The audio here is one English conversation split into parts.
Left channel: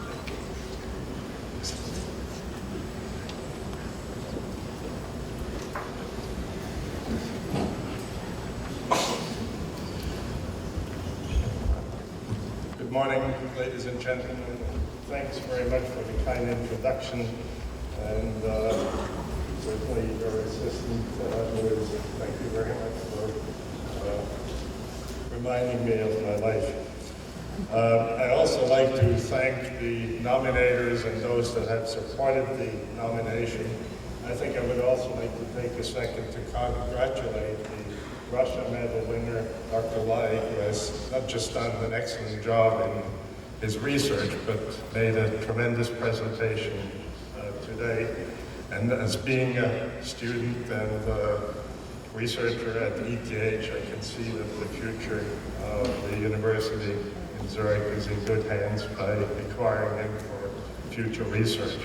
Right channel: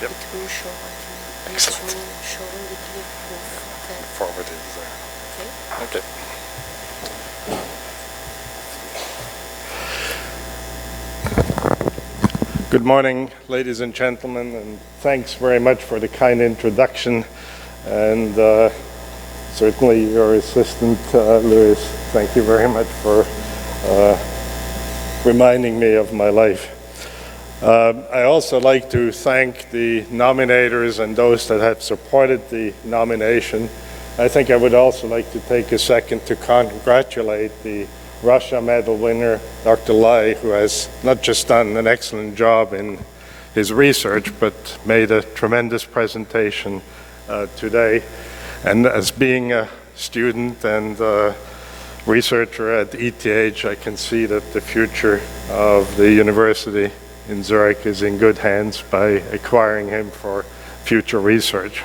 Yep. Excellent. Forward is there. Okay. Good morning, ladies and gentlemen, and thanks very much for the kind introduction. And certainly your assistant, Louis, thank you very much for reminding me of my life. I also like to thank the nominators and those that have supported the nomination. I think I would also like to take a second to congratulate the Russia Medal winner, Dr. Lai, who has not just done an excellent job in his research, but made a tremendous presentation today. And as being a student and researcher at ETH, I can see that the future of the university in Zurich is in good hands by acquiring him for future research.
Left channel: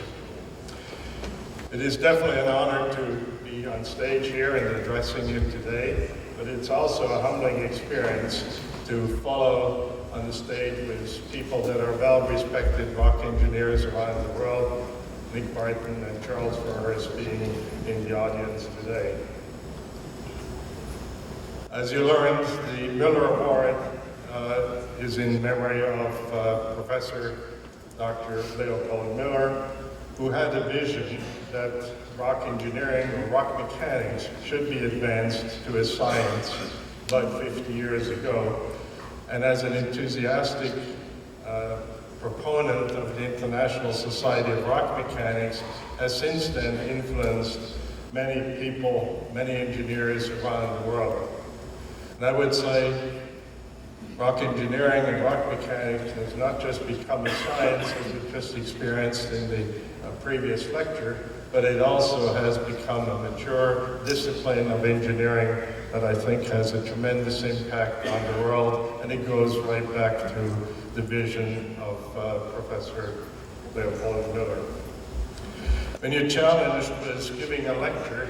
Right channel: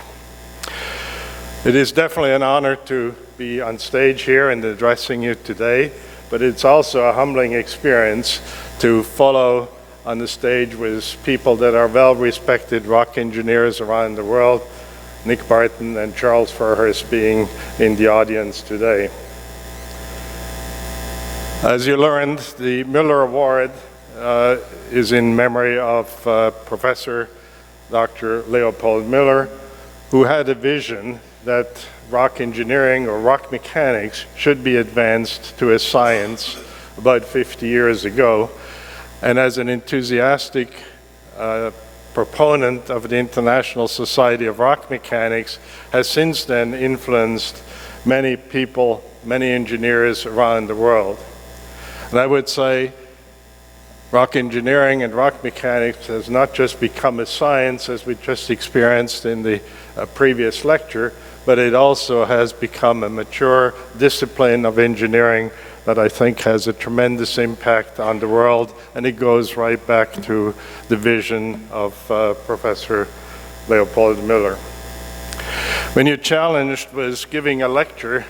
It is definitely an honor to be on stage here and addressing you today, but it's also a humbling experience to follow on the stage with people that are well-respected rock engineers around the world, Nick Barton and Charles Fairhurst being in the audience today. As you learned, the Muller Award is in memory of Professor Dr. Leopold Muller, who had a vision that rock engineering or rock mechanics should be advanced to a science about 50 years ago. And as an enthusiastic proponent of the International Society of Rock Mechanics, has since then influenced many people, many engineers around the world. And I would say rock engineering and rock mechanics has not just become a science, as we just experienced in the previous lecture, but it also has become a mature discipline of engineering that I think has a tremendous impact on the world, and it goes right back to the vision of Professor Leopold Muller. When you challenged was giving a lecture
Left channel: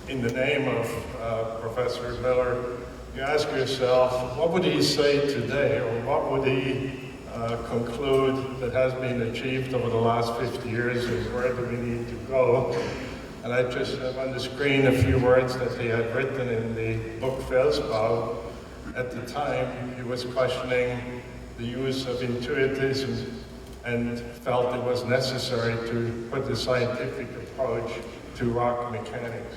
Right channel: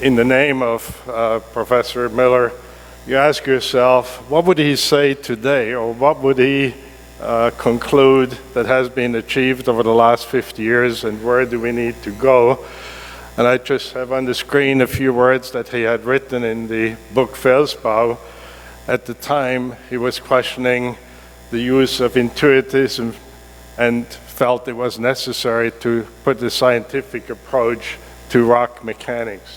in the name of Professor Muller, you ask yourself, what would he say today, or what would he conclude that has been achieved over the last 50 years, and where do we need to go? And I just have on the screen a few words that he had written in the book Felsbau. At the time, he was questioning the use of intuitism and felt it was necessary to put a scientific approach to rock mechanics.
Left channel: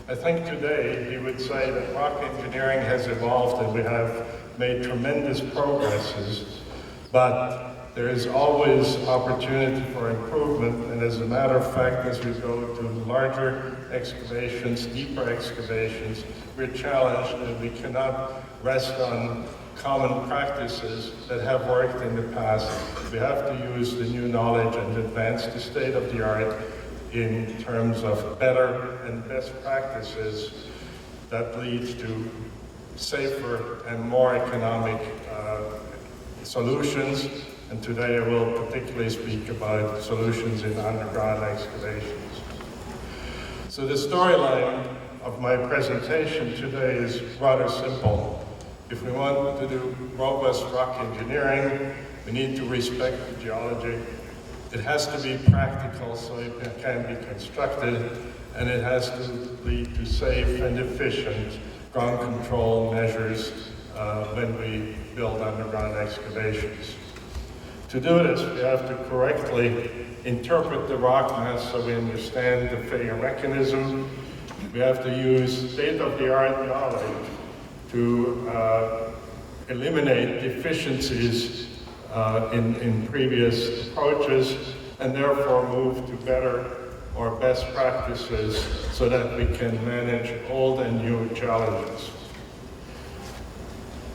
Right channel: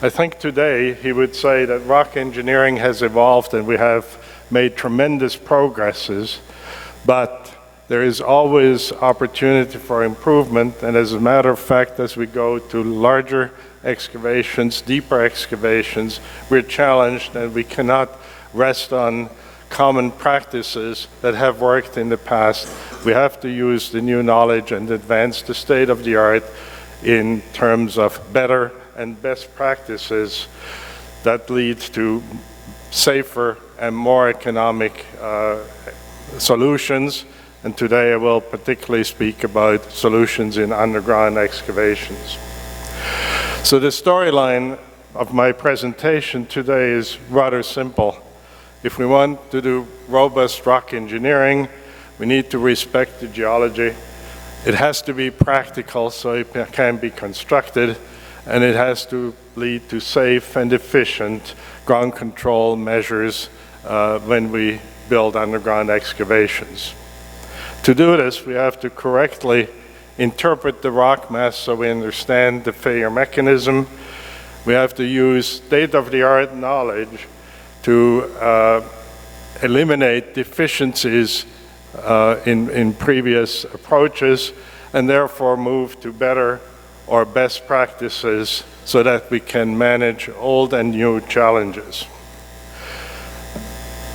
I think today he would say that rock engineering has evolved and we have made tremendous progresses, but there is always opportunity for improvement, and as a matter of fact, as we go to larger excavations, deeper excavations, we're challenged and we cannot rest on common practices that have worked in the past. We have to use the new knowledge and advance the state of the art in terms of better and best practices that lead to safer and more economic solutions. And today I will particularly speak about solutions in underground excavations. So the storyline of my presentation today is rather simple. If we want to do robust rock engineering, we need to respect the geology. It has to be practical so it can be constructed, and it has to lead to safe and efficient ground control measures when we build underground excavations. To do this, we have to correctly interpret the rock mass so we understand the failure mechanism. We have to use state-of-the-art knowledge to eliminate deficiencies in previous approaches, and therefore move to better or best practices so that we can manage old and new challenges.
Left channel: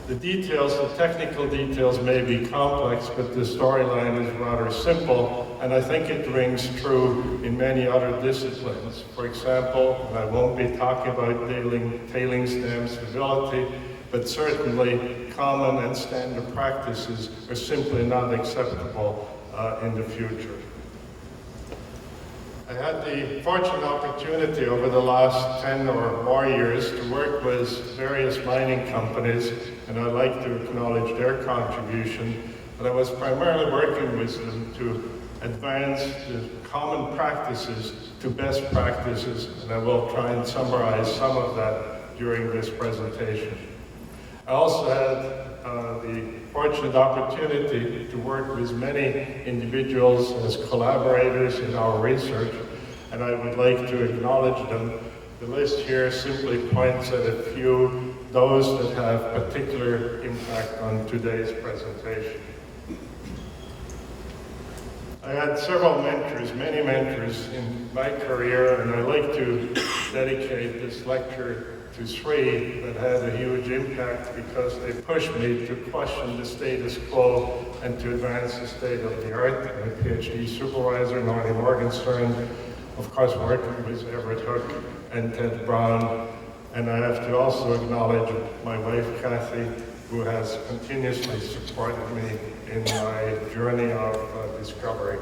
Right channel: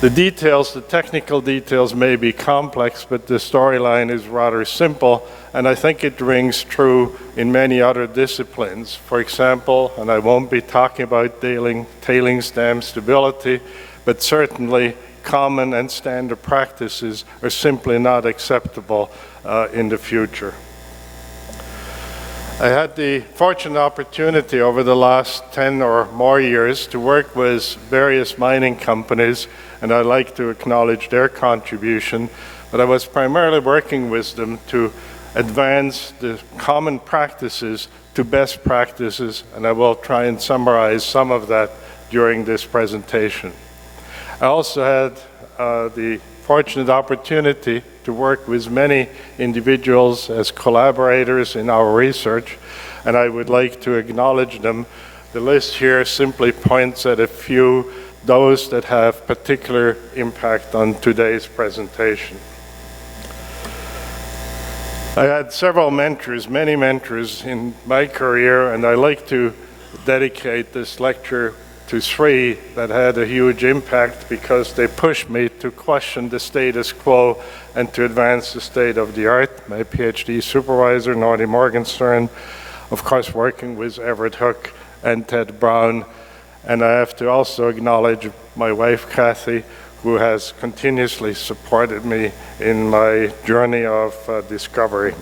The details, the technical details may be complex, but the storyline is rather simple, and I think it rings true in many other disciplines. For example, and I won't be talking about tailings dam stability, but certainly common and standard practices are simply not acceptable in the future. I had the fortunate opportunity over the last 10 or more years to work with various mining companies, and I'd like to acknowledge their contribution. but I was primarily working with them to advance the common practices to best practices, and I will try and summarize some of that during this presentation. I also had the fortunate opportunity to work with many individuals as collaborators in our research, and I would like to acknowledge them. The list here simply points at a few, those that have particular impact on today's presentation. I had several mentors, many mentors in my career, and I like to dedicate this lecture to three that had a huge impact because they pushed me to question the status quo and to advance the state of the art. My PhD supervisor, Nordy Morgenstern, of course working with Everett Hook and Ted Brown, and I have to also acknowledge my wife, Kathy, who has continuously supported me in my journey of discovery.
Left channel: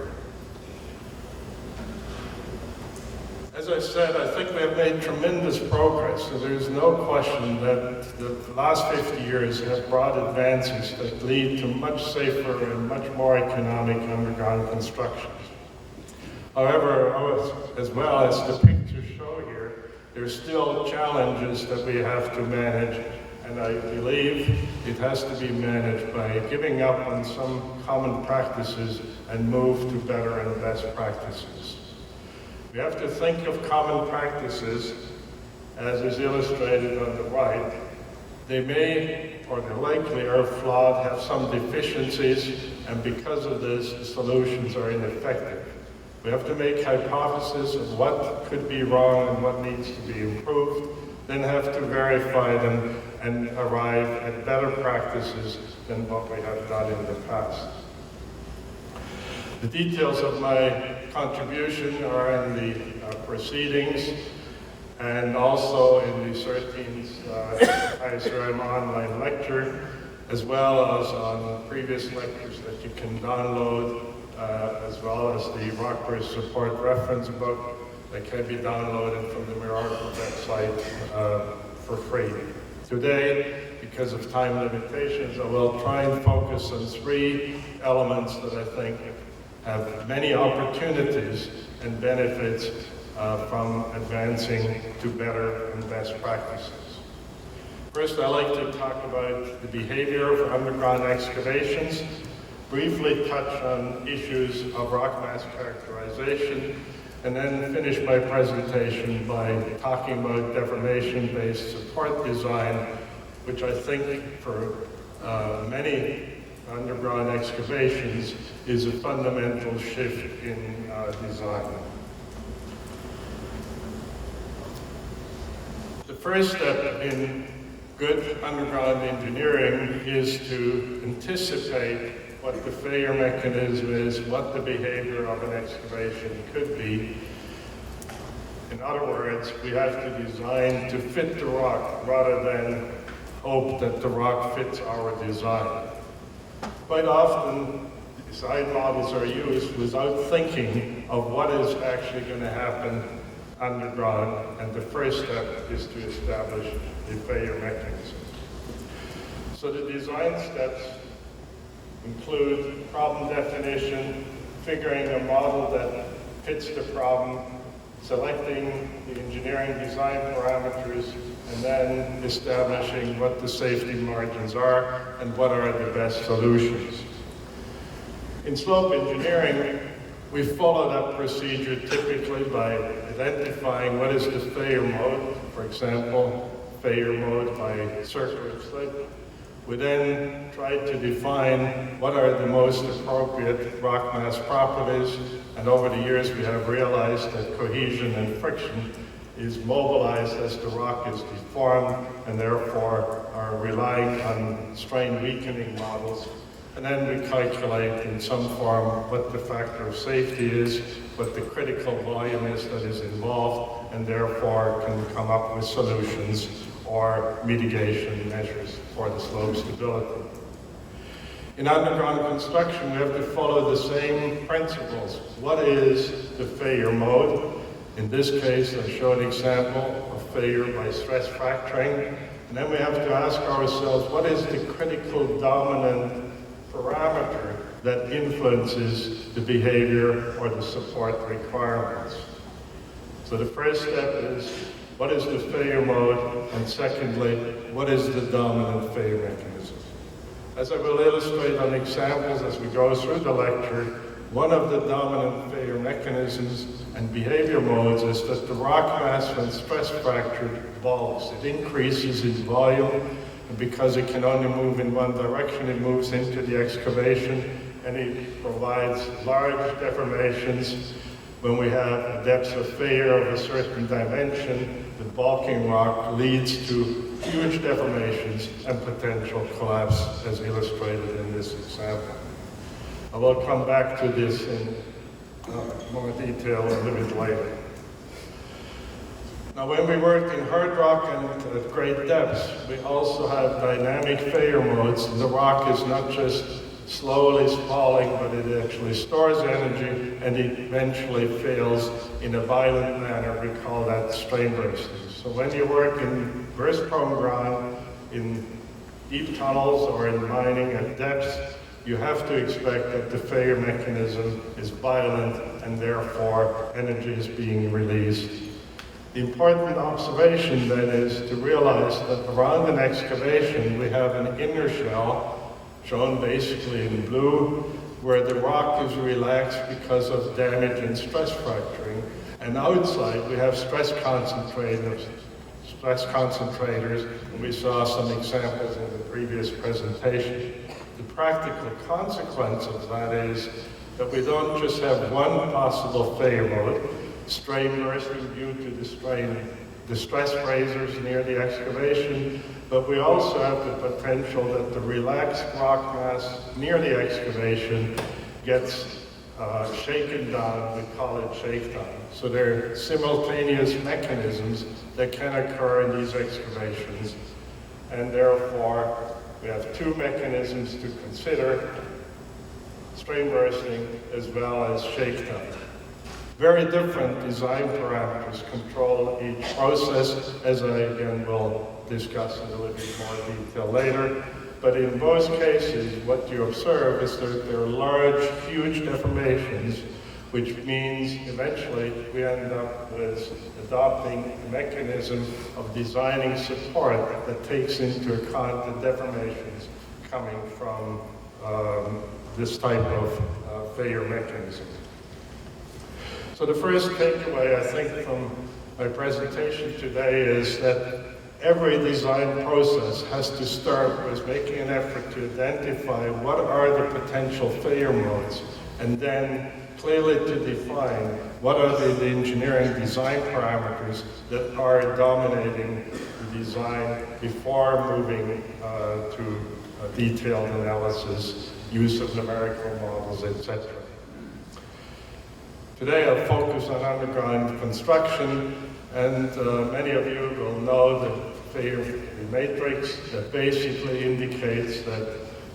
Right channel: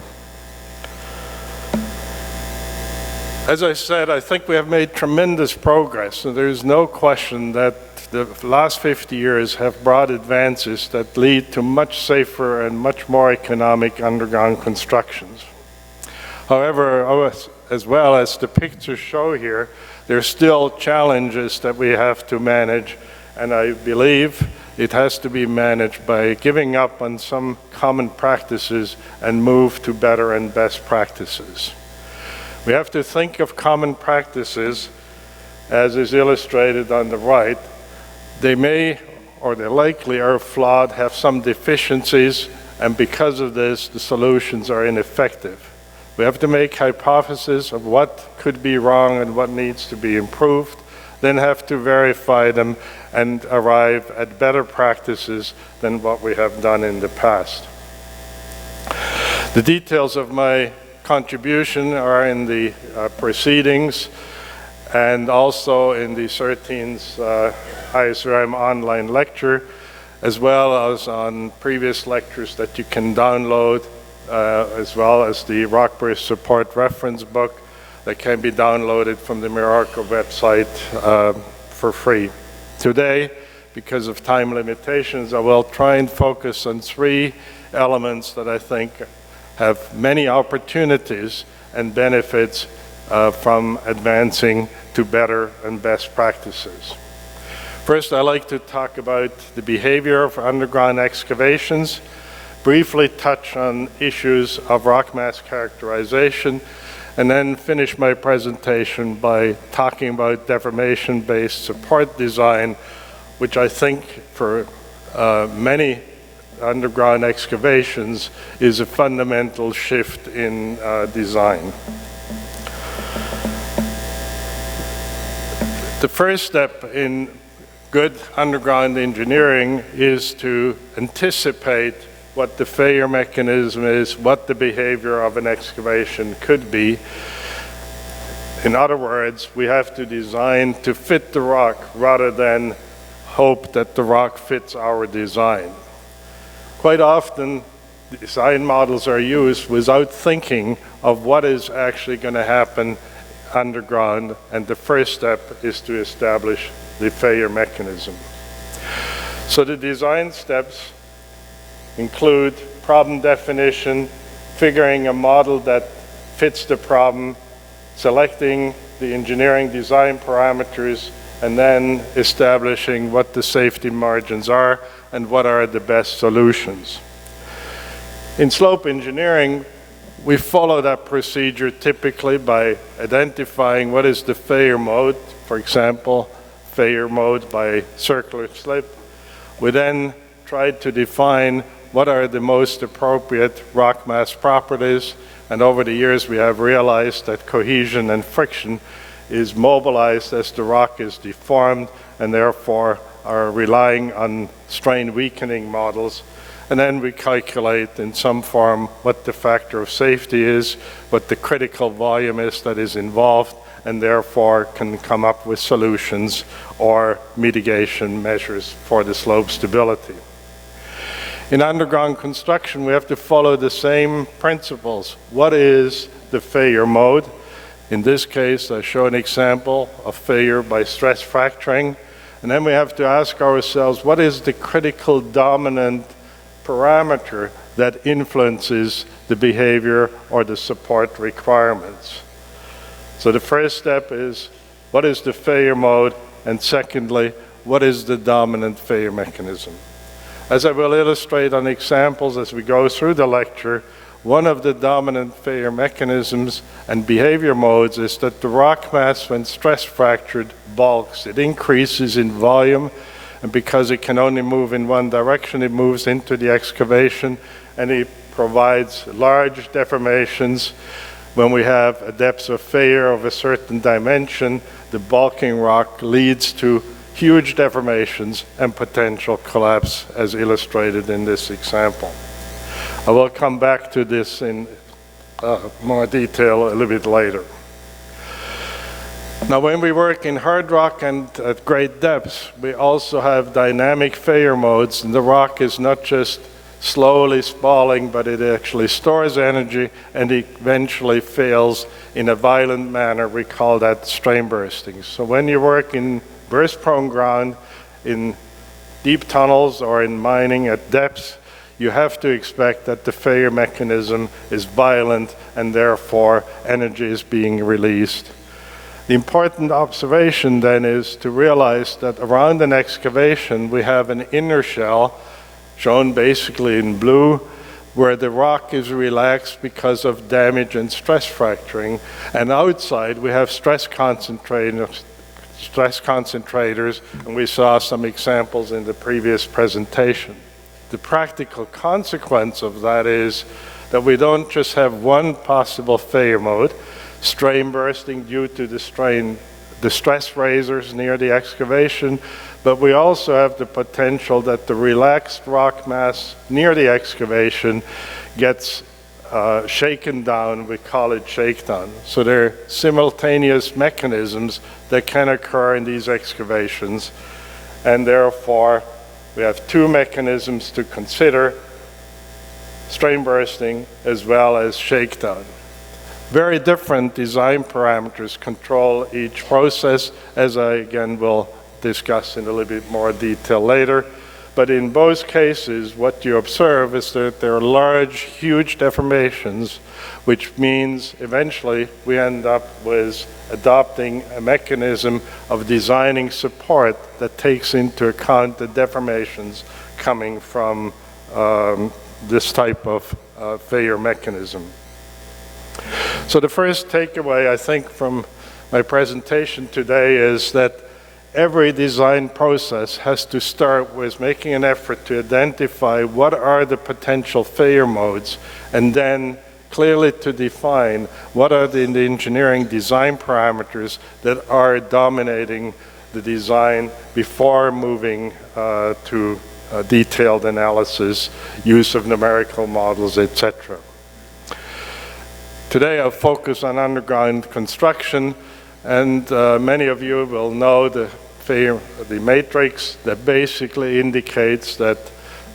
As I said, I think we have made tremendous progress, and there's no question that the last 50 years have brought advances that lead to much safer and much more economic underground constructions. However, as well as the pictures show here, there's still challenges that we have to manage, and I believe it has to be managed by giving up on some common practices and move to better and best practices. We have to think of common practices, as is illustrated on the right. They may, or they likely are flawed, have some deficiencies, and because of this, the solutions are ineffective. We have to make hypotheses of what could be wrong and what needs to be improved, then have to verify them and arrive at better practices than what we have done in the past. The details of my contribution are in the proceedings and also in the 13th ISRM online lecture, as well as on previous lectures that you can download, as well as the Rockbridge Support Reference Book that can be downloaded from the Mirarco website for free. Today, because of time limitations, I will try and focus on three elements that I think have many opportunities and benefits from advancing to better and best practices. First, I'd like to talk about the behavior of underground excavations, briefly touch on issues of rock mass characterization, and then finish my presentation by talking about deformation-based support design, which I think for many underground excavations is a fundamental shift in design. The first step in good underground engineering is to anticipate what the failure mechanism is, what the behavior of an excavation could be. In other words, we have to design to fit the rock rather than hope that the rock fits our design. Quite often, design models are used without thinking of what is actually going to happen underground, and the first step is to establish the failure mechanism. So the design steps include problem definition, figuring a model that fits the problem, selecting the engineering design parameters, and then establishing what the safety margins are and what are the best solutions. In slope engineering, we follow that procedure typically by identifying what is the failure mode, for example, failure mode by circular slip. We then try to define what are the most appropriate rock mass properties, and over the years we have realized that cohesion and friction is mobilized as the rock is deformed, and therefore are relying on strain weakening models. And then we calculate in some form what the factor of safety is, what the critical volume is that is involved, and therefore can come up with solutions or mitigation measures for the slope stability. In underground construction, we have to follow the same principles. What is the failure mode? In this case, I show an example of failure by stress fracturing. And then we have to ask ourselves, what is the critical dominant parameter that influences the behavior or the support requirements. So the first step is, what is the failure mode? And secondly, what is the dominant failure mechanism? As I will illustrate on examples as we go through the lecture, one of the dominant failure mechanisms and behavior modes is that the rock mass, when stress fractured, bulks. It increases in volume, and because it can only move in one direction, it moves into the excavation, and it provides large deformations. When we have a depth of failure of a certain dimension, the bulking rock leads to huge deformations and potential collapse, as illustrated in this example. I will come back to this in more detail a little bit later. Now, when we work in hard rock and at great depths, we also have dynamic failure modes, and the rock is not just slowly spalling, but it actually stores energy and it eventually fails in a violent manner. We call that strain bursting. So when you work in burst-prone ground, in deep tunnels or in mining at depths, you have to expect that the failure mechanism is violent and therefore energy is being released. The important observation then is to realize that around an excavation we have an inner shell, shown basically in blue, where the rock is relaxed because of damage and stress fracturing, and outside we have stress concentrators, and we saw some examples in the previous presentation. The practical consequence of that is that we don't just have one possible failure mode, strain bursting due to the stress razors near the excavation, but we also have the potential that the relaxed rock mass near the excavation gets shaken down. We call it shakedown. So there are simultaneous mechanisms that can occur in these excavations, and therefore we have two mechanisms to consider: strain bursting as well as shakedown. Very different design parameters control each process, as I again will discuss in a little bit more detail later. But in both cases, what you observe is that there are large, huge deformations, which means eventually we end up with adopting a mechanism of designing support that takes into account the deformations coming from this type of failure mechanism. So the first takeaway, I think, from my presentation today is that every design process has to start with making an effort to identify what are the potential failure modes, and then clearly to define what are the engineering design parameters that are dominating the design before moving to detailed analysis, use of numerical models, etc. Today I'll focus on underground construction, and many of you will know the matrix that basically indicates that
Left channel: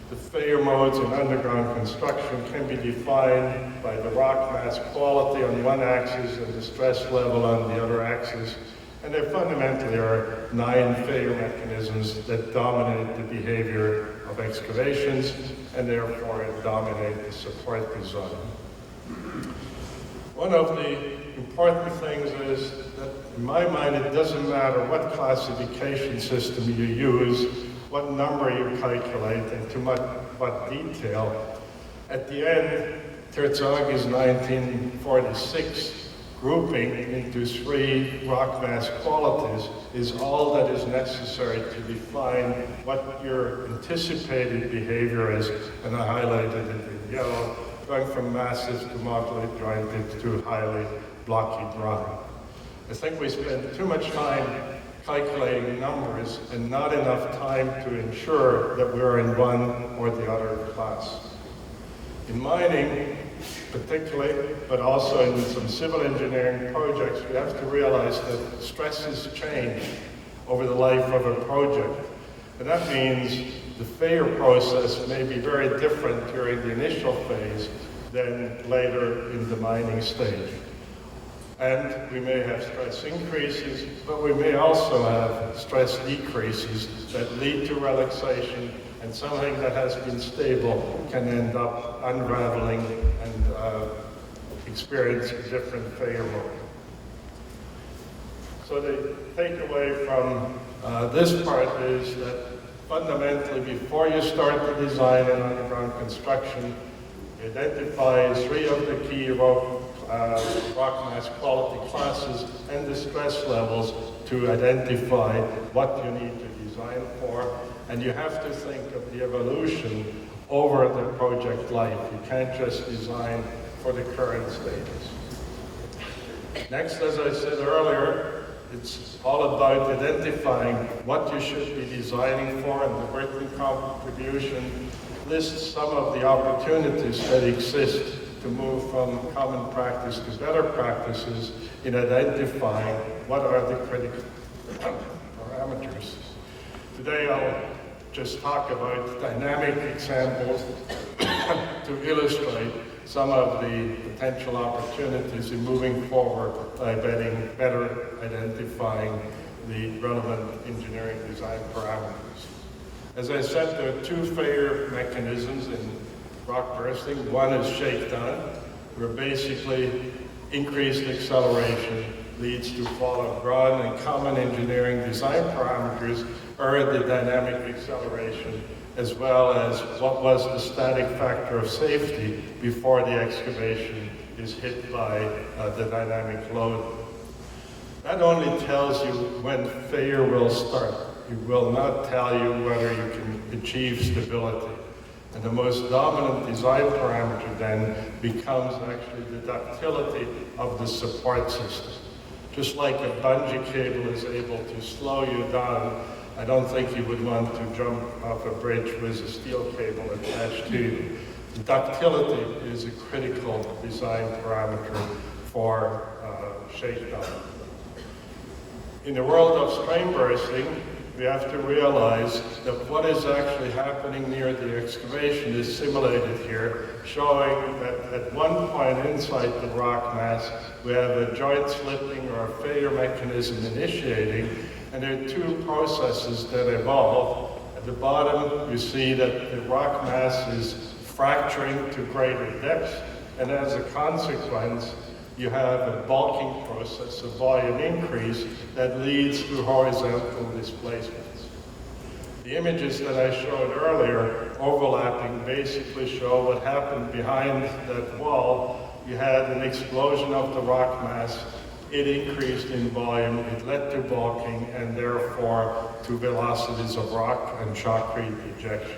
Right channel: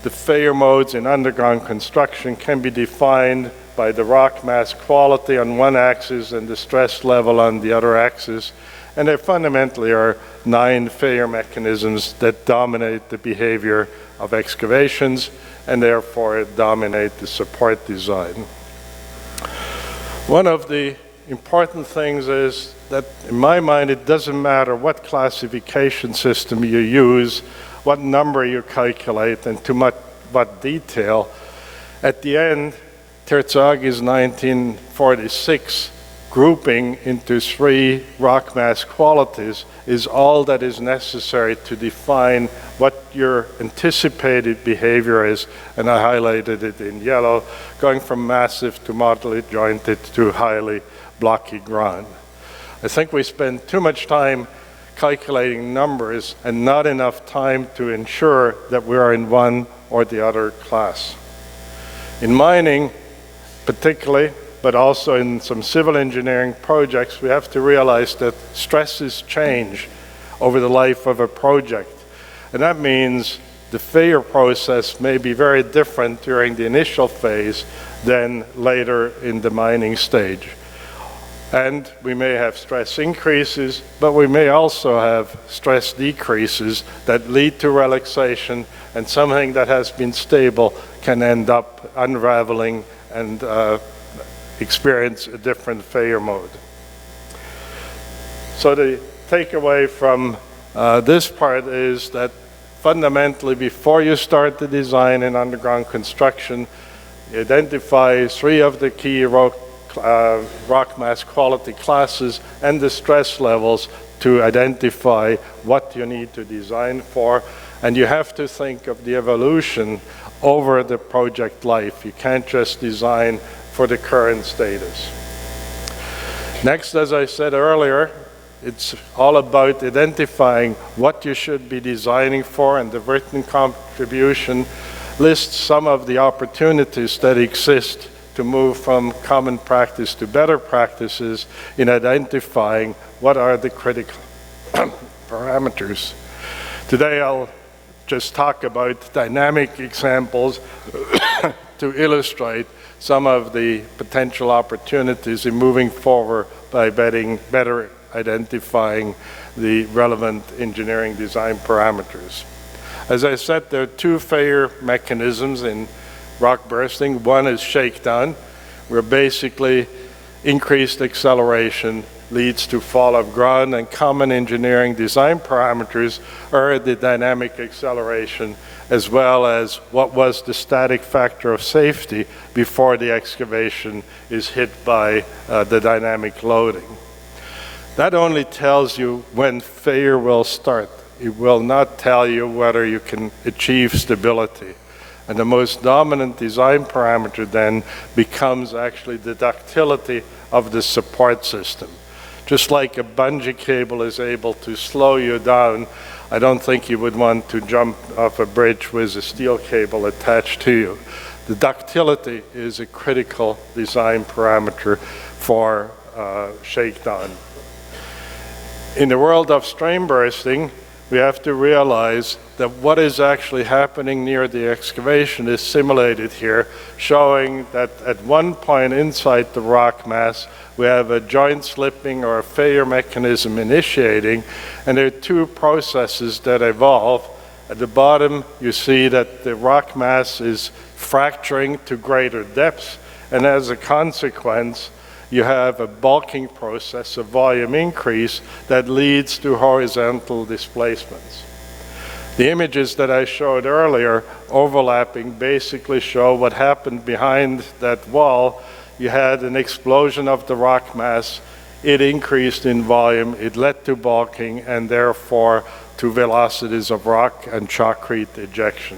the failure modes in underground construction can be defined by the rock mass quality on one axis and the stress level on the other axis. And there fundamentally are 9 failure mechanisms that dominate the behavior of excavations and therefore dominate the support design. One of the important things is that, in my mind, it doesn't matter what classification system you use, what number you calculate, and to what detail. At the end, Terzagh's 1946 grouping into 3 rock mass qualities is all that is necessary to define what your anticipated behavior is, and I highlighted it in yellow, going from massive to moderately jointed to highly blocky ground. I think we spend too much time calculating numbers and not enough time to ensure that we are in one or the other class. In mining, particularly, but also in some civil engineering projects, we have to realize that stresses change over the life of a project. And that means the failure process may be very different during the initial phase than later in the mining stage. And we may have stress increases, but we may also have stress decreases that lead to relaxation, and something that has been stable can end up unraveling and experience a different failure mode. So the takeaway from this part is that fundamentally, before you start the design in underground construction, identify 3 of the key rock mass quality classes and the stress levels to identify what you need to design for. And you have to think of the evolution over the project life. You can't just design for the current status. Next, as I said earlier, it's all about identifying what you should be designing for, and the written contribution lists some of the opportunities that exist to move from common practice to better practices in identifying what are the critical parameters. Today I'll just talk about dynamic examples to illustrate some of the potential opportunities in moving forward by better identifying the relevant engineering design parameters. As I said, there are 2 failure mechanisms in rock bursting. One is shakedown, where basically increased acceleration leads to fall of ground, and common engineering design parameters are the dynamic acceleration as well as what was the static factor of safety before the excavation is hit by the dynamic loading. That only tells you when failure will start. It will not tell you whether you can achieve stability. And the most dominant design parameter then becomes actually the ductility of the support system. Just like a bungee cable is able to slow you down, I don't think you would want to jump off a bridge with a steel cable attached to you. The ductility is a critical design parameter for shakedown. In the world of strain bursting, we have to realize that what is actually happening near the excavation is simulated here, showing that at one point inside the rock mass, we have a joint slipping or a failure mechanism initiating, and there are 2 processes that evolve. At the bottom, you see that the rock mass is fracturing to greater depths, and as a consequence, you have a bulking process, a volume increase that leads to horizontal displacements. The images that I showed earlier, overlapping, basically show what happened behind that wall. You had an explosion of the rock mass. It increased in volume, it led to bulking, and therefore to velocities of rock and shotcrete ejection.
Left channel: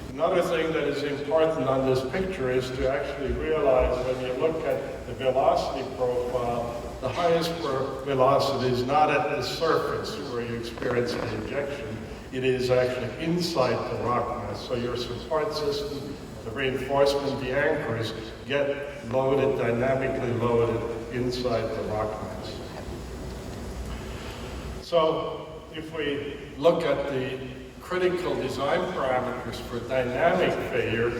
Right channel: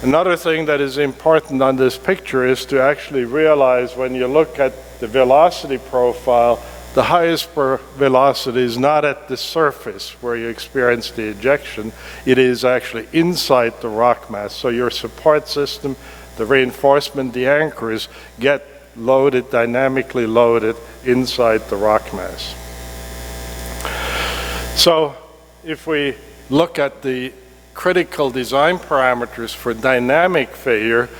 Another thing that is important on this picture is to actually realize when you look at the velocity profile, the highest velocity is not at the surface where you experience the ejection, it is actually inside the rock mass. So your support system, the reinforcement, the anchors get loaded, dynamically loaded inside the rock mass. So if we look at the critical design parameters for dynamic failure,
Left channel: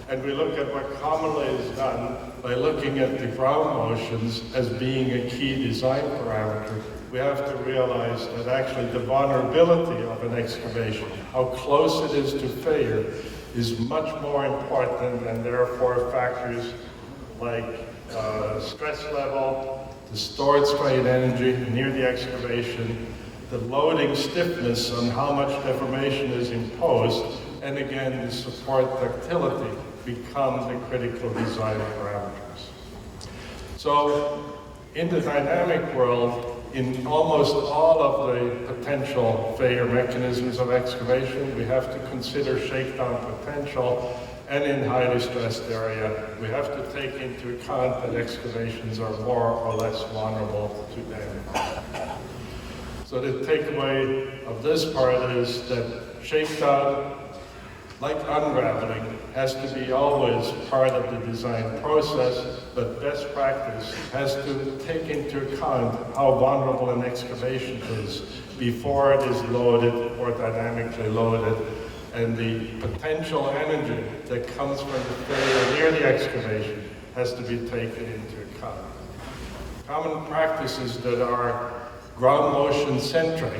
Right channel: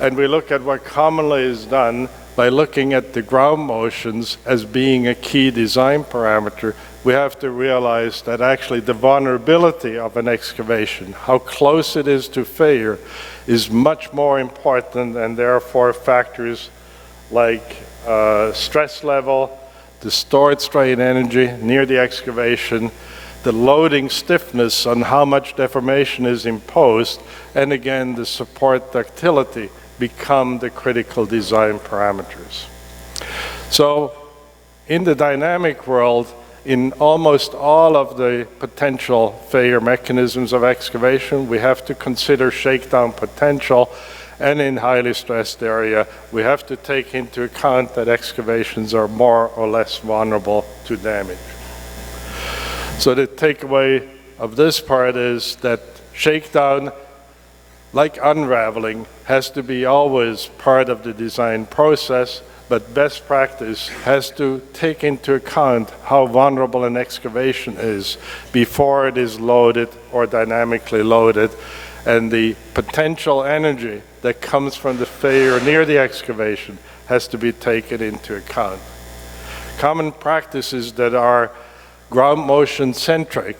and we look at what commonly is done by looking at the ground motions as being a key design parameter, we have to realize that actually the vulnerability of an excavation, how close it is to failure, is much more important, and therefore factors like stress level, the stored strain energy near the excavation, the loading stiffness on how much deformation is imposed, and again, the support ductility become the critical design parameters. So in the dynamic world, in almost all of the potential failure mechanisms of excavation, we have to consider shakedown potential, and in highly stressed area, we have to take into account that excavations are more or less vulnerable to damage. So the takeaway of this part is that shakedown, like unraveling, has to be always part of the design process, but best practice has to take into account how vulnerable an excavation is before it is loaded or dynamically loaded, and the potential energy that comes from the failure near the excavation has to be taken into account. common practices that are ground motion centric,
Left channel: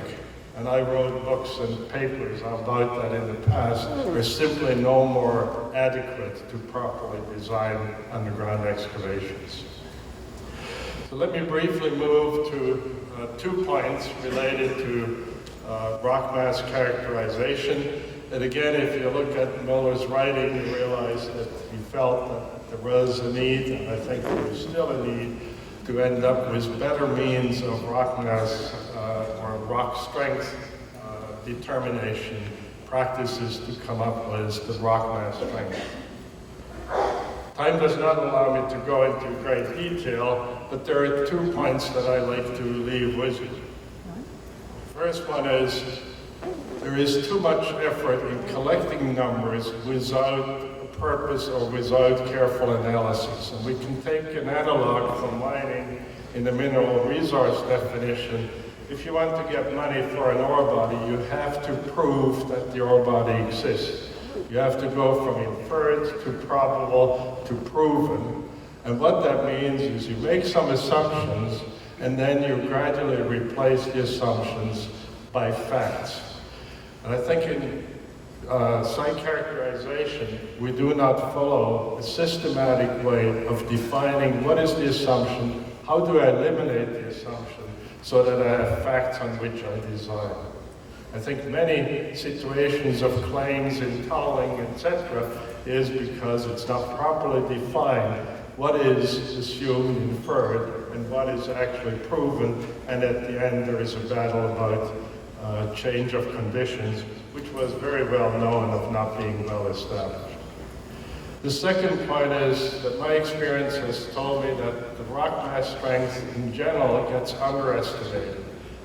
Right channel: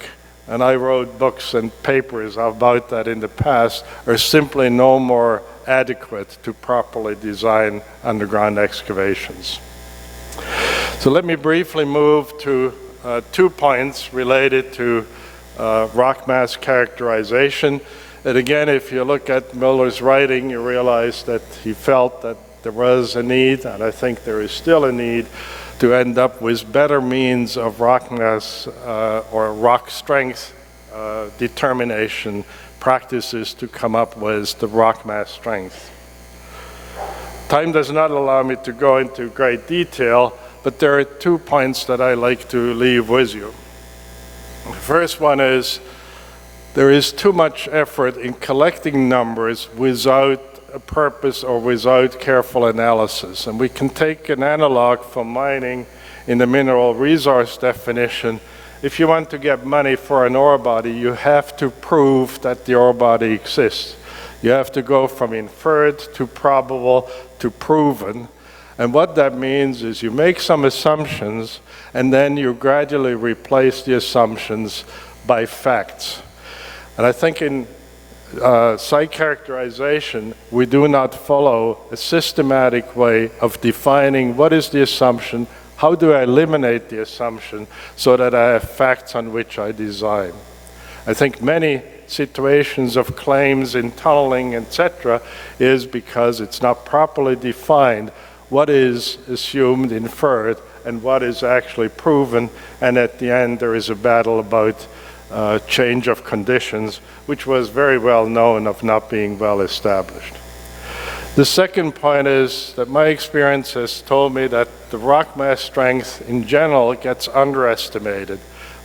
and I wrote books and papers about that in the past, are simply no more adequate to properly design underground excavations. So let me briefly move to 2 points related to rock mass characterization. And again, if you look at Muller's writing, you realize that he felt that there was a need, and I think there is still a need, to end up with better means of rock mass or rock strength determination practices to come up with the rock mass strength. Time does not allow me to go into great detail, but there are 2 points that I like to leave with you. The first one is there is too much effort in collecting numbers without a purpose or without careful analysis. And we can take an analog from mining in the mineral resource definition. If you want to get money for an ore body, you have to prove that the ore body exists. You have to go from inferred to probable to proven. And what that means is you make some assumptions and then you gradually replace the assumptions by facts. And I think in site characterization, we do not follow a systematic way of defining what is the assumption, how do I eliminate the assumption so that I have facts on which I design. I think many situations of claims in tunneling, etc., is because it's not properly defined what is assumed, inferred, and what is actually proven, and at the end there is a battle about change of conditions, which was very well known of not being well established. The second point is that my experience has told me that the rock mass strength in general gets underestimated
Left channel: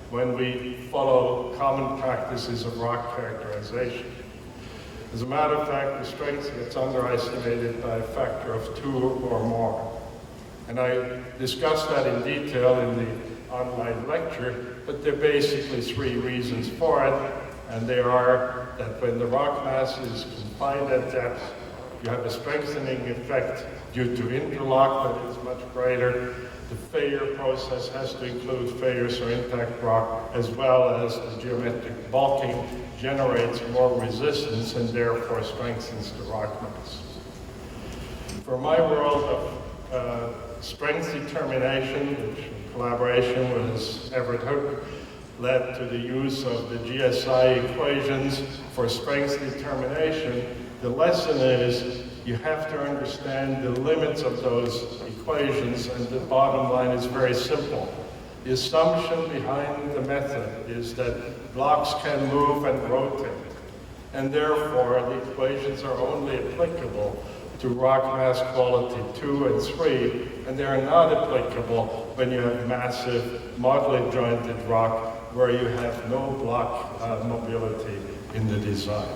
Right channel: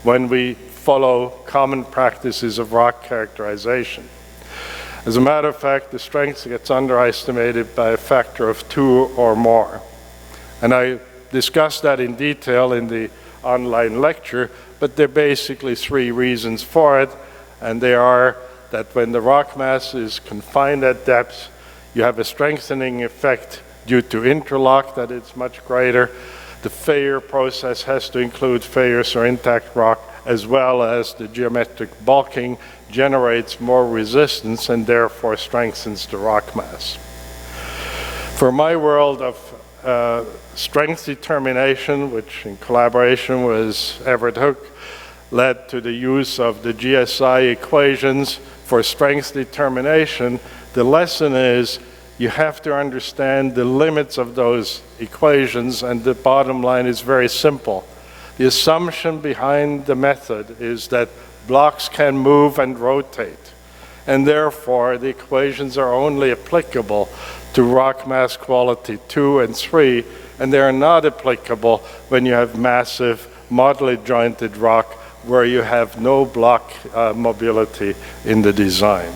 when we follow common practices of rock characterization. As a matter of fact, the strength gets underestimated by a factor of 2 or more. And I discussed that in detail in the online lecture, but there are basically 3 reasons for it, and they are that when the rock mass is confined at depth, you have a strengthening effect due to interlock that is much greater. The failure process has to include failures or intact rock, as well as the geometric bulking generates more resistance and therefore strengthens the rock mass. For my world of strength determination, which in collaboration with Everett Hook, led to the use of the GSI equations for strength determination, the lesson is you have to understand the limits of those equations, and the bottom line is very simple. The assumption behind the method is that blocks can move and rotate, and therefore the equations are only applicable to rock mass quality 2 and 3, and they are not applicable when you have massive modularly jointed rock where you have no block mobility in the design.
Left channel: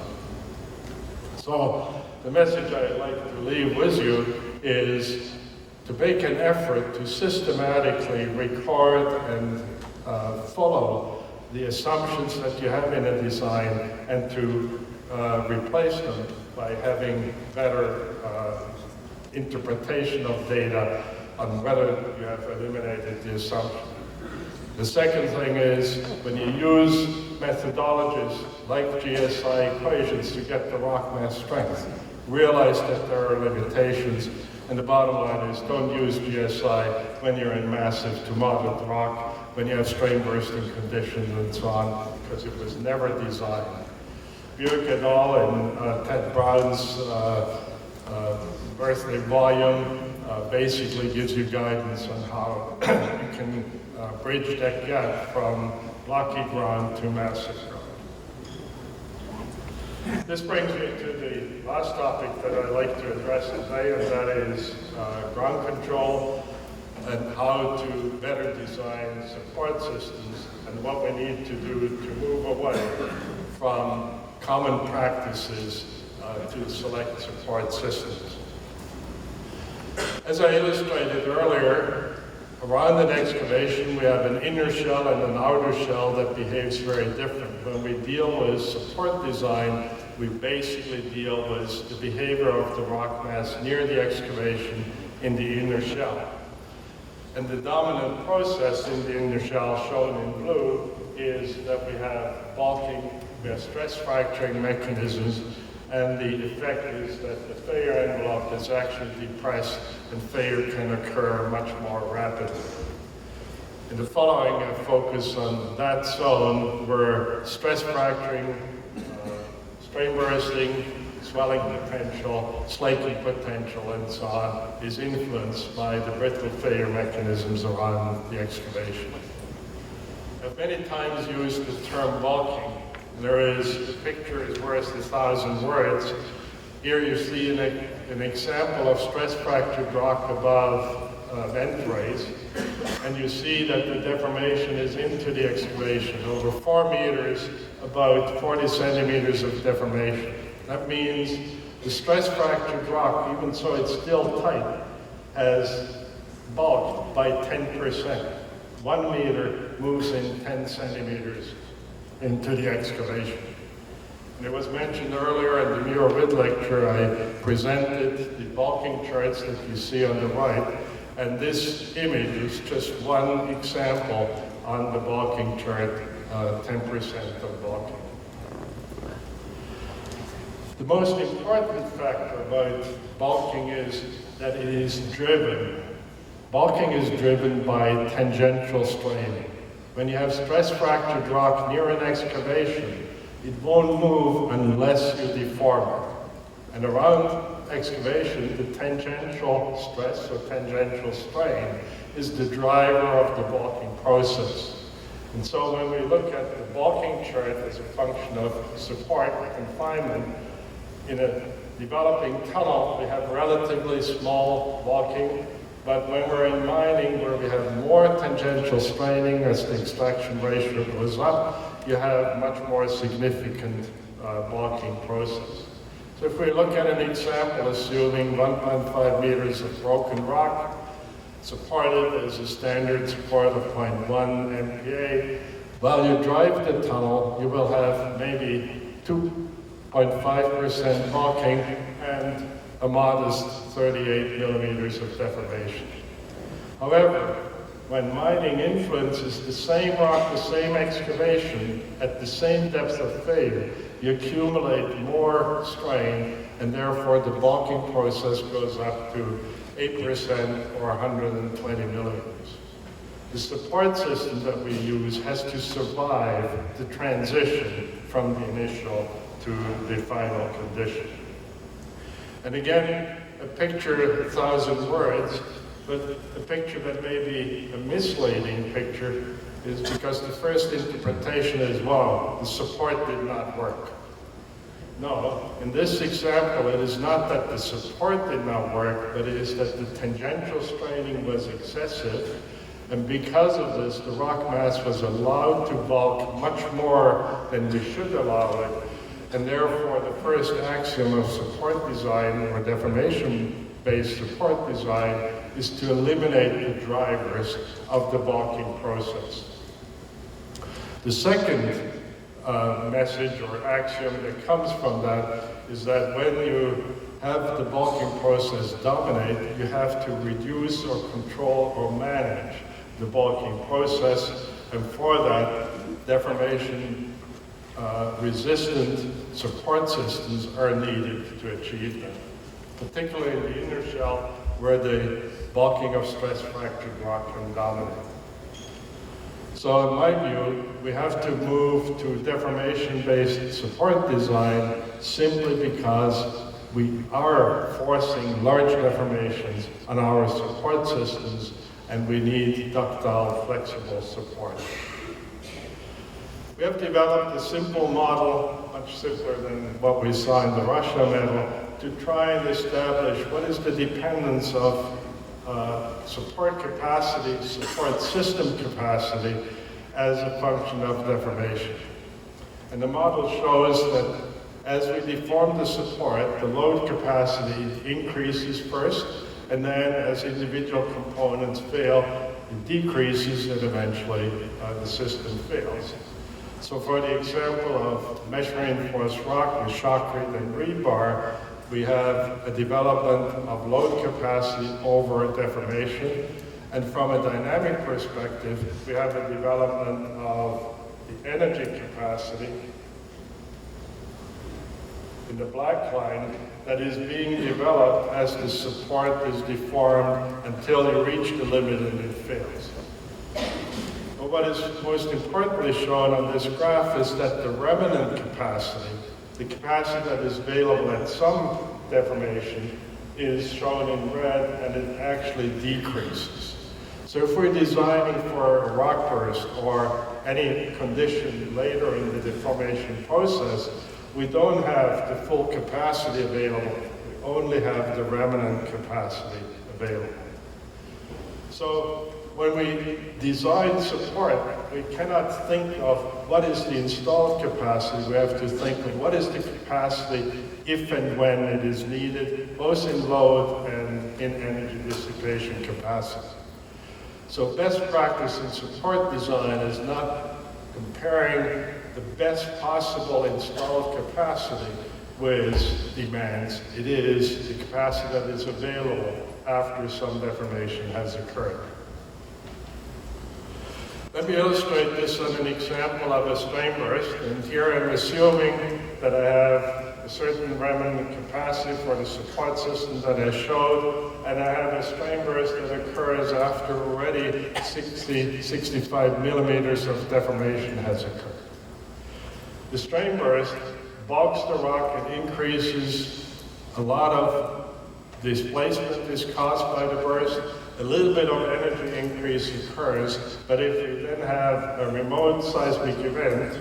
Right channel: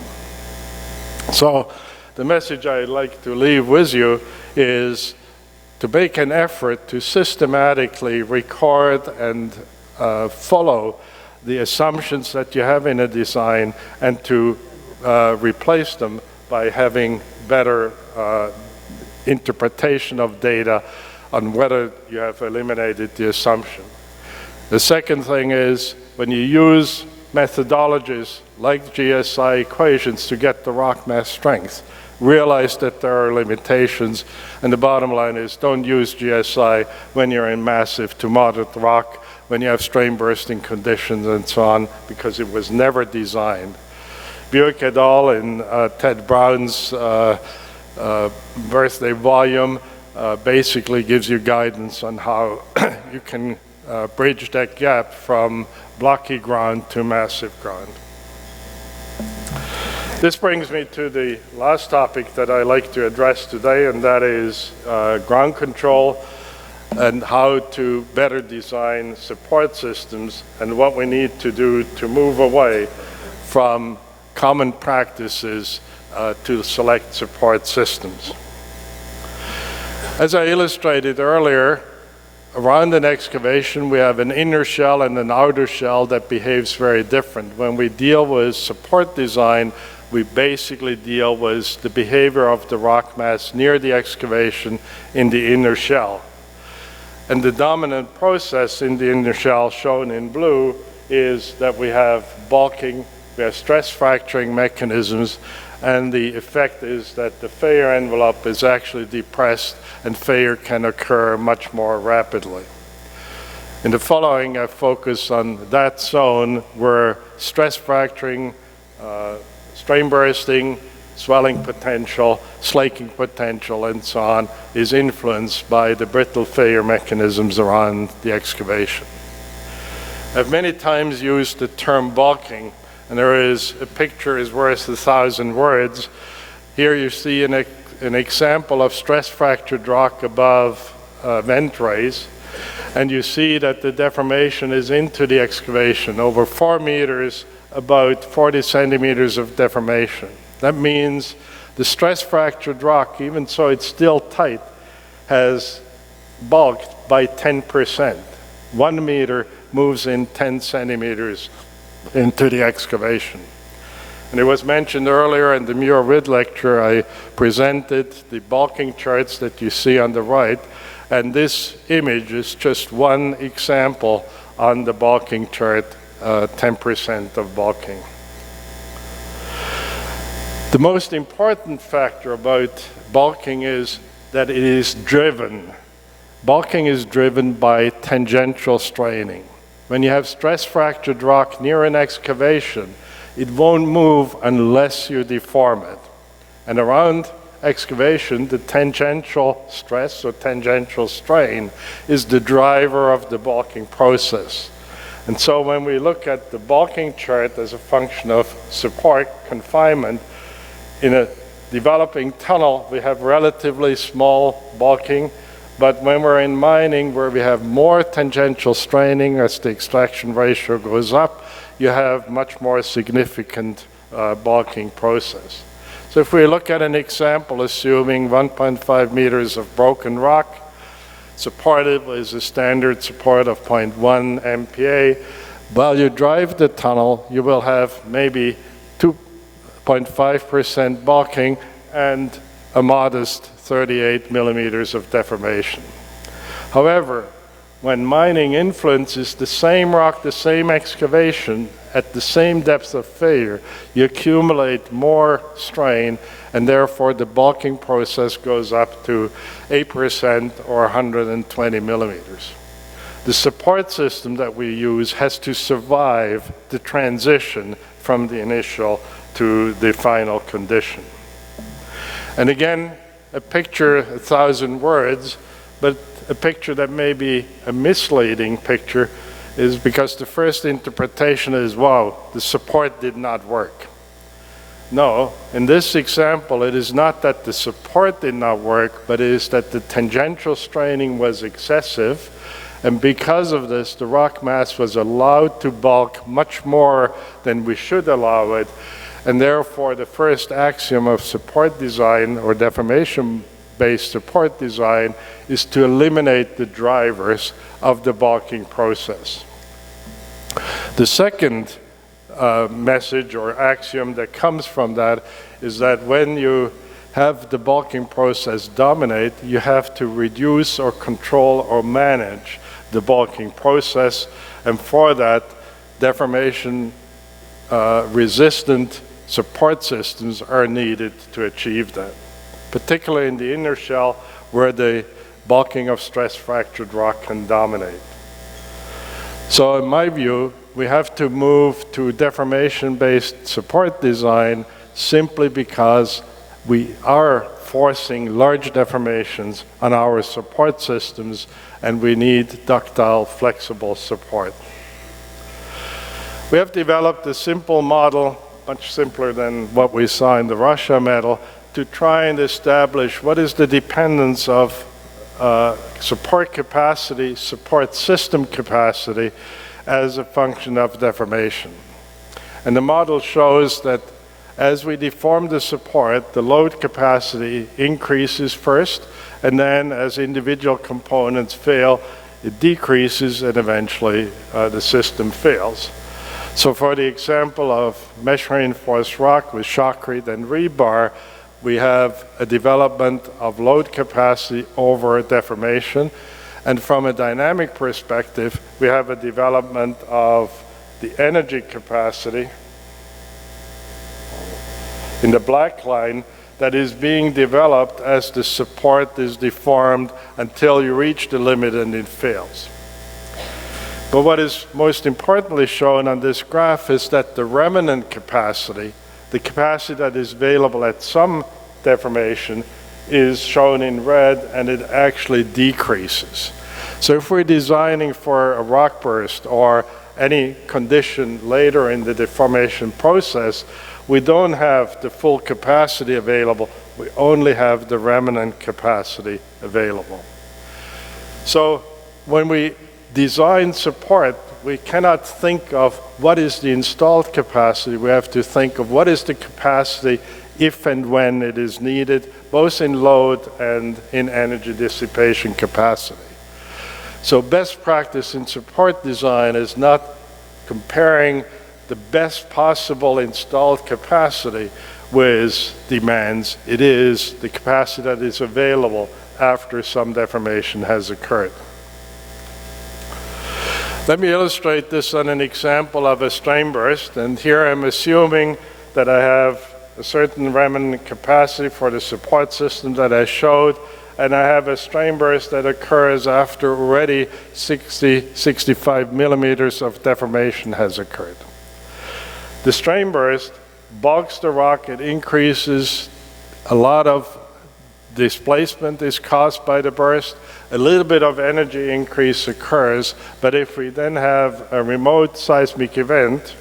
So the message I'd like to leave with you is to make an effort to systematically record and follow the assumptions that you have in a design and to replace them by having better interpretation of data on whether you have eliminated the assumption. The second thing is when you use methodologies like GSI equations to get the rock mass strength, realize that there are limitations, and the bottom line is don't use GSI when you're in massive to moderate rock, when you have strain bursting conditions and so on, because it was never designed. Buick et al. In Ted Brown's birthday volume basically gives you guidance on how you can bridge that gap from blocky ground to massive ground. This brings me to the last topic that I like to address today, and that is ground control and how to better design support systems and what we need to do to move away from common practices to select support systems. As I illustrated earlier, around an excavation, we have an inner shell and an outer shell that behaves very different. When we deal with support design, we basically deal with the behavior of the rock mass near the excavation in the inner shell. And the dominant process in the inner shell, shown in blue, is that we have bulking, we have stress fracturing mechanisms, and the effect is that the failure envelope is actually depressed and failure can occur much more rapidly. In the following, I focus on that zone where stress fracturing, strain bursting, swelling potential, slaking potential, and so on, is influenced by the brittle failure mechanisms around the excavation. I've many times used the term bulking, and there is a picture is worth 1,000 words. Here you see an example of stress fractured rock above vent raise, and you see that the deformation is into the excavation, over 4 meters, about 40 centimeters of deformation. That means the stress fractured rock, even so it's still tight, has bulked by 10%. 1 meter moves in 10 centimeters into the excavation. And it was mentioned earlier in the Muller Award lecture, I presented the bulking charts that you see on the right, and this image is just one example on the bulking chart, 10% of bulking. The most important factor about bulking is that it is driven. Bulking is driven by tangential straining. When you have stress fractured rock near an excavation, it won't move unless you deform it. And around excavation, the tangential stress or tangential strain is the driver of the bulking process. And so when we look at the bulking chart as a function of support, confinement, in a developing tunnel, we have relatively small bulking, but when we're in mining where we have more tangential straining as the extraction ratio goes up, you have much more significant bulking process. So if we look at an example assuming 1.5 meters of broken rock, supported is a standard support of 0.1 MPa. While you drive the tunnel, you will have maybe 2.5% bulking and a modest 38 millimeters of deformation. However, when mining influences the same rock, the same excavation, at the same depth of failure, you accumulate more strain, and therefore the bulking process goes up to 8% or 120 millimeters. The support system that we use has to survive the transition from the initial to the final condition. And again, a picture, 1,000 words, but a picture that may be a misleading picture is because the first interpretation is, wow, the support did not work. No, in this example, it is not that the support did not work, but it is that the tangential straining was excessive, and because of this, the rock mass was allowed to bulk much more than we should allow it, and therefore the first axiom of support design or deformation-based support design is to eliminate the drivers of the bulking process. The second message or axiom that comes from that is that when you have the bulking process dominate, you have to reduce or control or manage the bulking process, and for that, deformation resistant support systems are needed to achieve that, particularly in the inner shell where the bulking of stress fractured rock can dominate. So in my view, we have to move to deformation-based support design simply because we are forcing large deformations on our support systems, and we need ductile, flexible support. We have developed a simple model, much simpler than what we saw in the Russia medal, to try and establish what is the dependence of support capacity, support system capacity, as a function of deformation. And the model shows that as we deform the support, the load capacity increases first, and then as individual components fail, it decreases, and eventually the system fails. So for the example of mesh reinforced rock with shotcrete and rebar, we have a development of load capacity over deformation, And from a dynamic perspective, we have a development of the energy capacity in the black line that is being developed as the support is deformed until you reach the limit and it fails. But what is most importantly shown on this graph is that the remnant capacity, the capacity that is available at some deformation, is shown in red, and it actually decreases. So if we're designing for a rock burst or any condition later in the deformation process, we don't have the full capacity available. We only have the remnant capacity available. So when we design support, we cannot think of what is the installed capacity. We have to think of what is the capacity if and when it is needed, both in load and in energy dissipation capacity. So best practice in support design is not comparing the best possible installed capacity with demands. It is the capacity that is available after some deformation has occurred. Let me illustrate this on an example of a strain burst, and here I'm assuming that I have a certain remnant capacity for the support system that I showed, and I have a strain burst that occurs after already 65 millimeters of deformation has occurred. The strain burst bogs the rock, it increases, a lot of displacement is caused by the burst, a little bit of energy increase occurs, but if we then have a remote seismic event,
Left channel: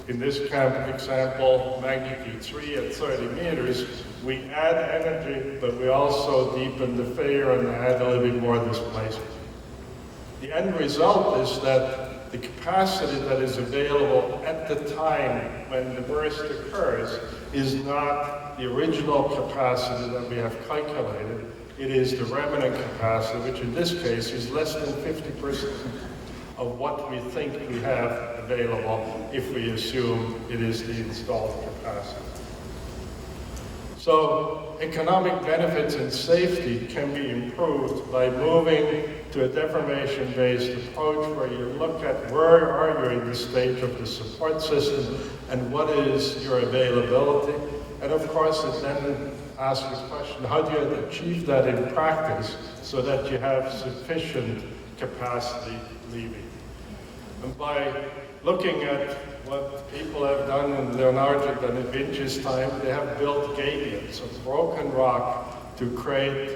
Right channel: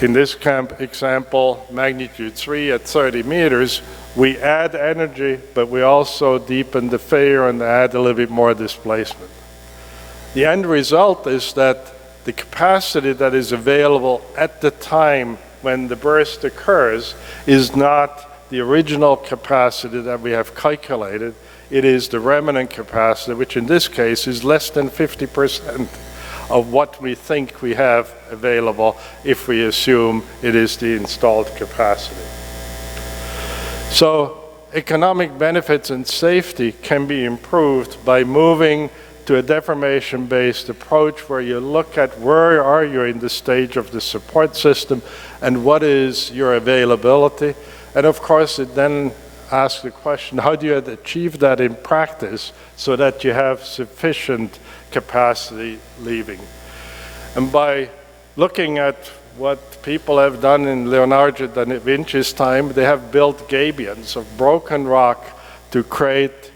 in this example, magnitude 3 at 30 meters, we add energy, but we also deepen the failure and add a little bit more displacement. The end result is that the capacity that is available at the time when the burst occurs is not the original capacity that we have calculated. It is the remnant capacity, which in this case is less than 50% of what we think we have available if we assume it is the installed capacity. So economic benefits and safety can be improved by moving to a deformation-based approach where you look at where are you in the stage of the support system and what is your availability. And of course, it then asks the question, how do you achieve that in practice so that you have sufficient capacity leaving? And by looking at what people have done in Leonardo da Vinci's time, they have built gabions of broken rock to create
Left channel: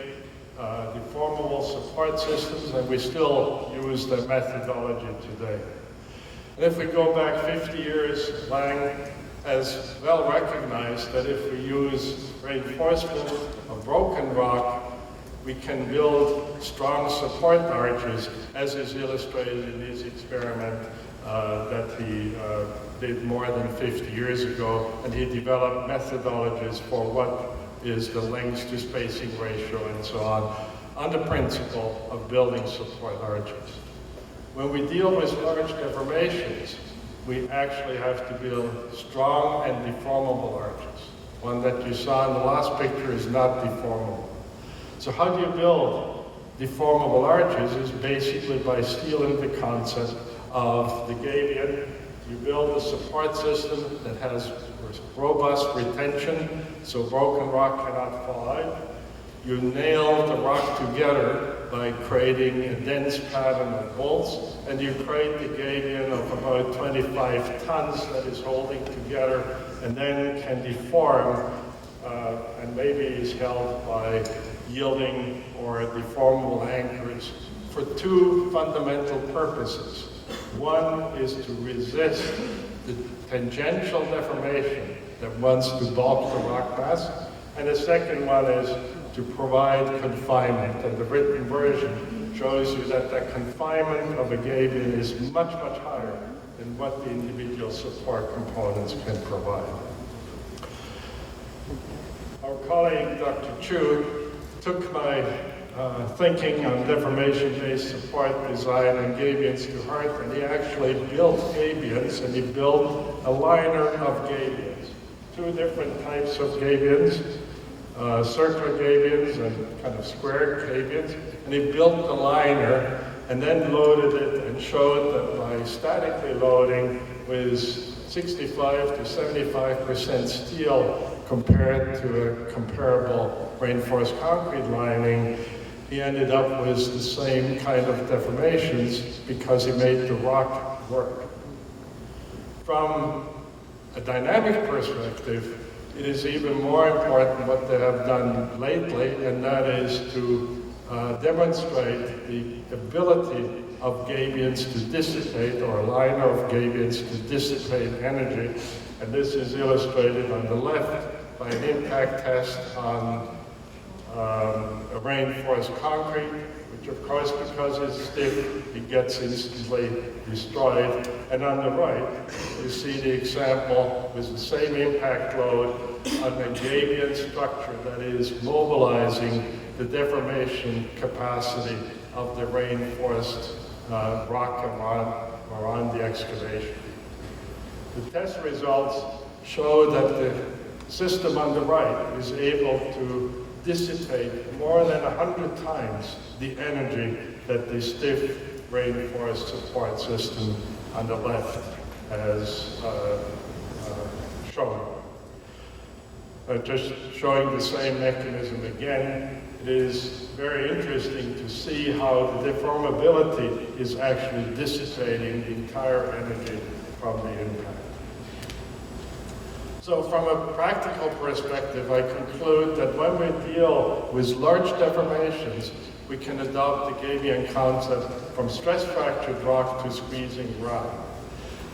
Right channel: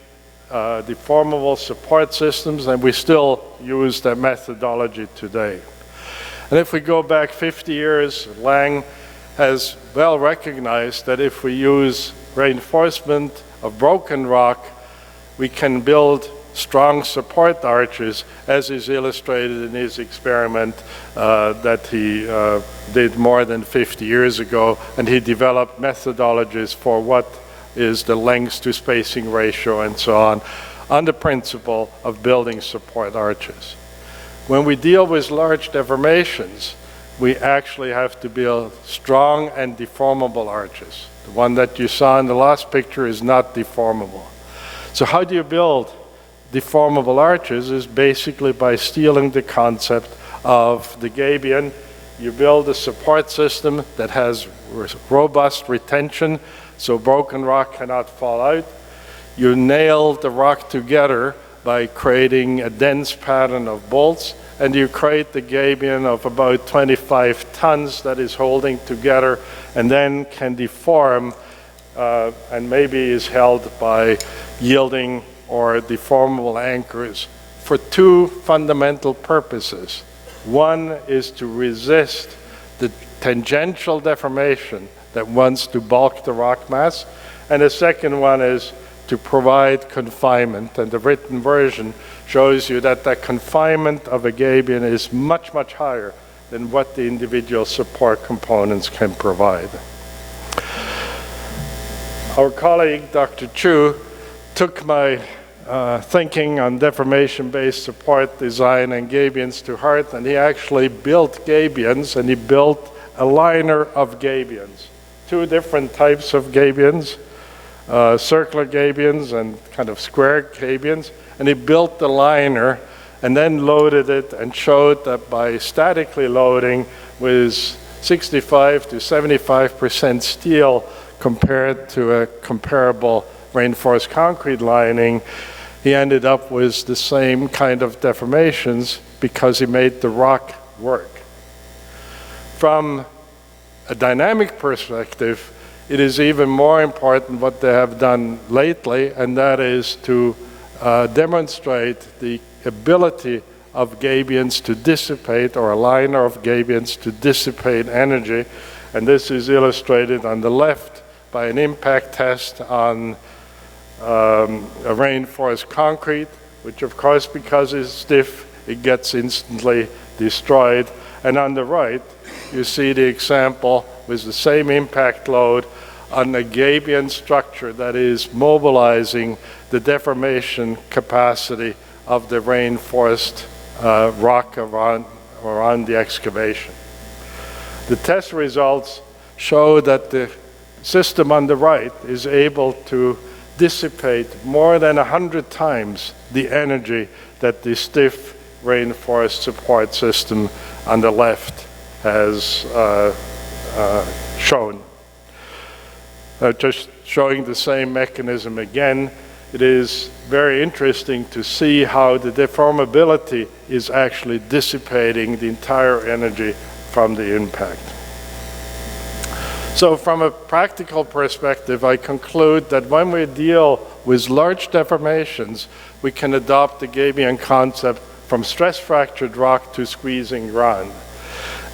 deformable support systems, and we still use that methodology today. And if we go back 50 years, Lang has well recognized that if we use reinforcement of broken rock, we can build strong support arches, as is illustrated in his experiment that he did more than 50 years ago, and he developed methodologies for what is the length to spacing ratio and so on the principle of building support arches. When we deal with large deformations, we actually have to build strong and deformable arches. The one that you saw in the last picture is not deformable. So how do you build deformable arches? Is basically by stealing the concept of the gabion. You build a support system that has robust retention, so broken rock cannot fall out. You nail the rock together by creating a dense pattern of bolts, and you create the gabion of about 25 tons that is holding together and then can deform and maybe is held by yielding or deformable anchors for two fundamental purposes. One is to resist the tangential deformation that wants to bulk the rock mass, and the second one is to provide confinement. And the written version shows you that that confinement of a gabion is much, much higher than what the individual support components can provide. Our colleague, Dr. Chu, took my thinking on deformation-based support design and gabions to heart, and he actually built gabions, and he built a liner of gabions. Two different types of gabions. circular gabions and kind of square gabions, and he built the liner and then loaded it and showed that by statically loading with 65 to 75% steel compared to a comparable reinforced concrete lining, he ended up with the same kind of deformations because he made the rock work. From a dynamic perspective, it is even more important what they have done lately, and that is to demonstrate the ability of gabions to dissipate, or a liner of gabions to dissipate energy. And this is illustrated on the left by an impact test on a reinforced concrete, which of course, because it's stiff, it gets instantly destroyed. And on the right, you see the example with the same impact load on a gabion structure that is mobilizing the deformation capacity of the reinforced rock around the excavation. The test results show that the system on the right is able to dissipate more than 100 times the energy that the stiff reinforced support system on the left has shown. Just showing the same mechanism again, it is very interesting to see how the deformability is actually dissipating the entire energy from the impact. So from a practical perspective, I conclude that when we deal with large deformations, we can adopt the gabion concept from stress-fractured rock to squeezing ground.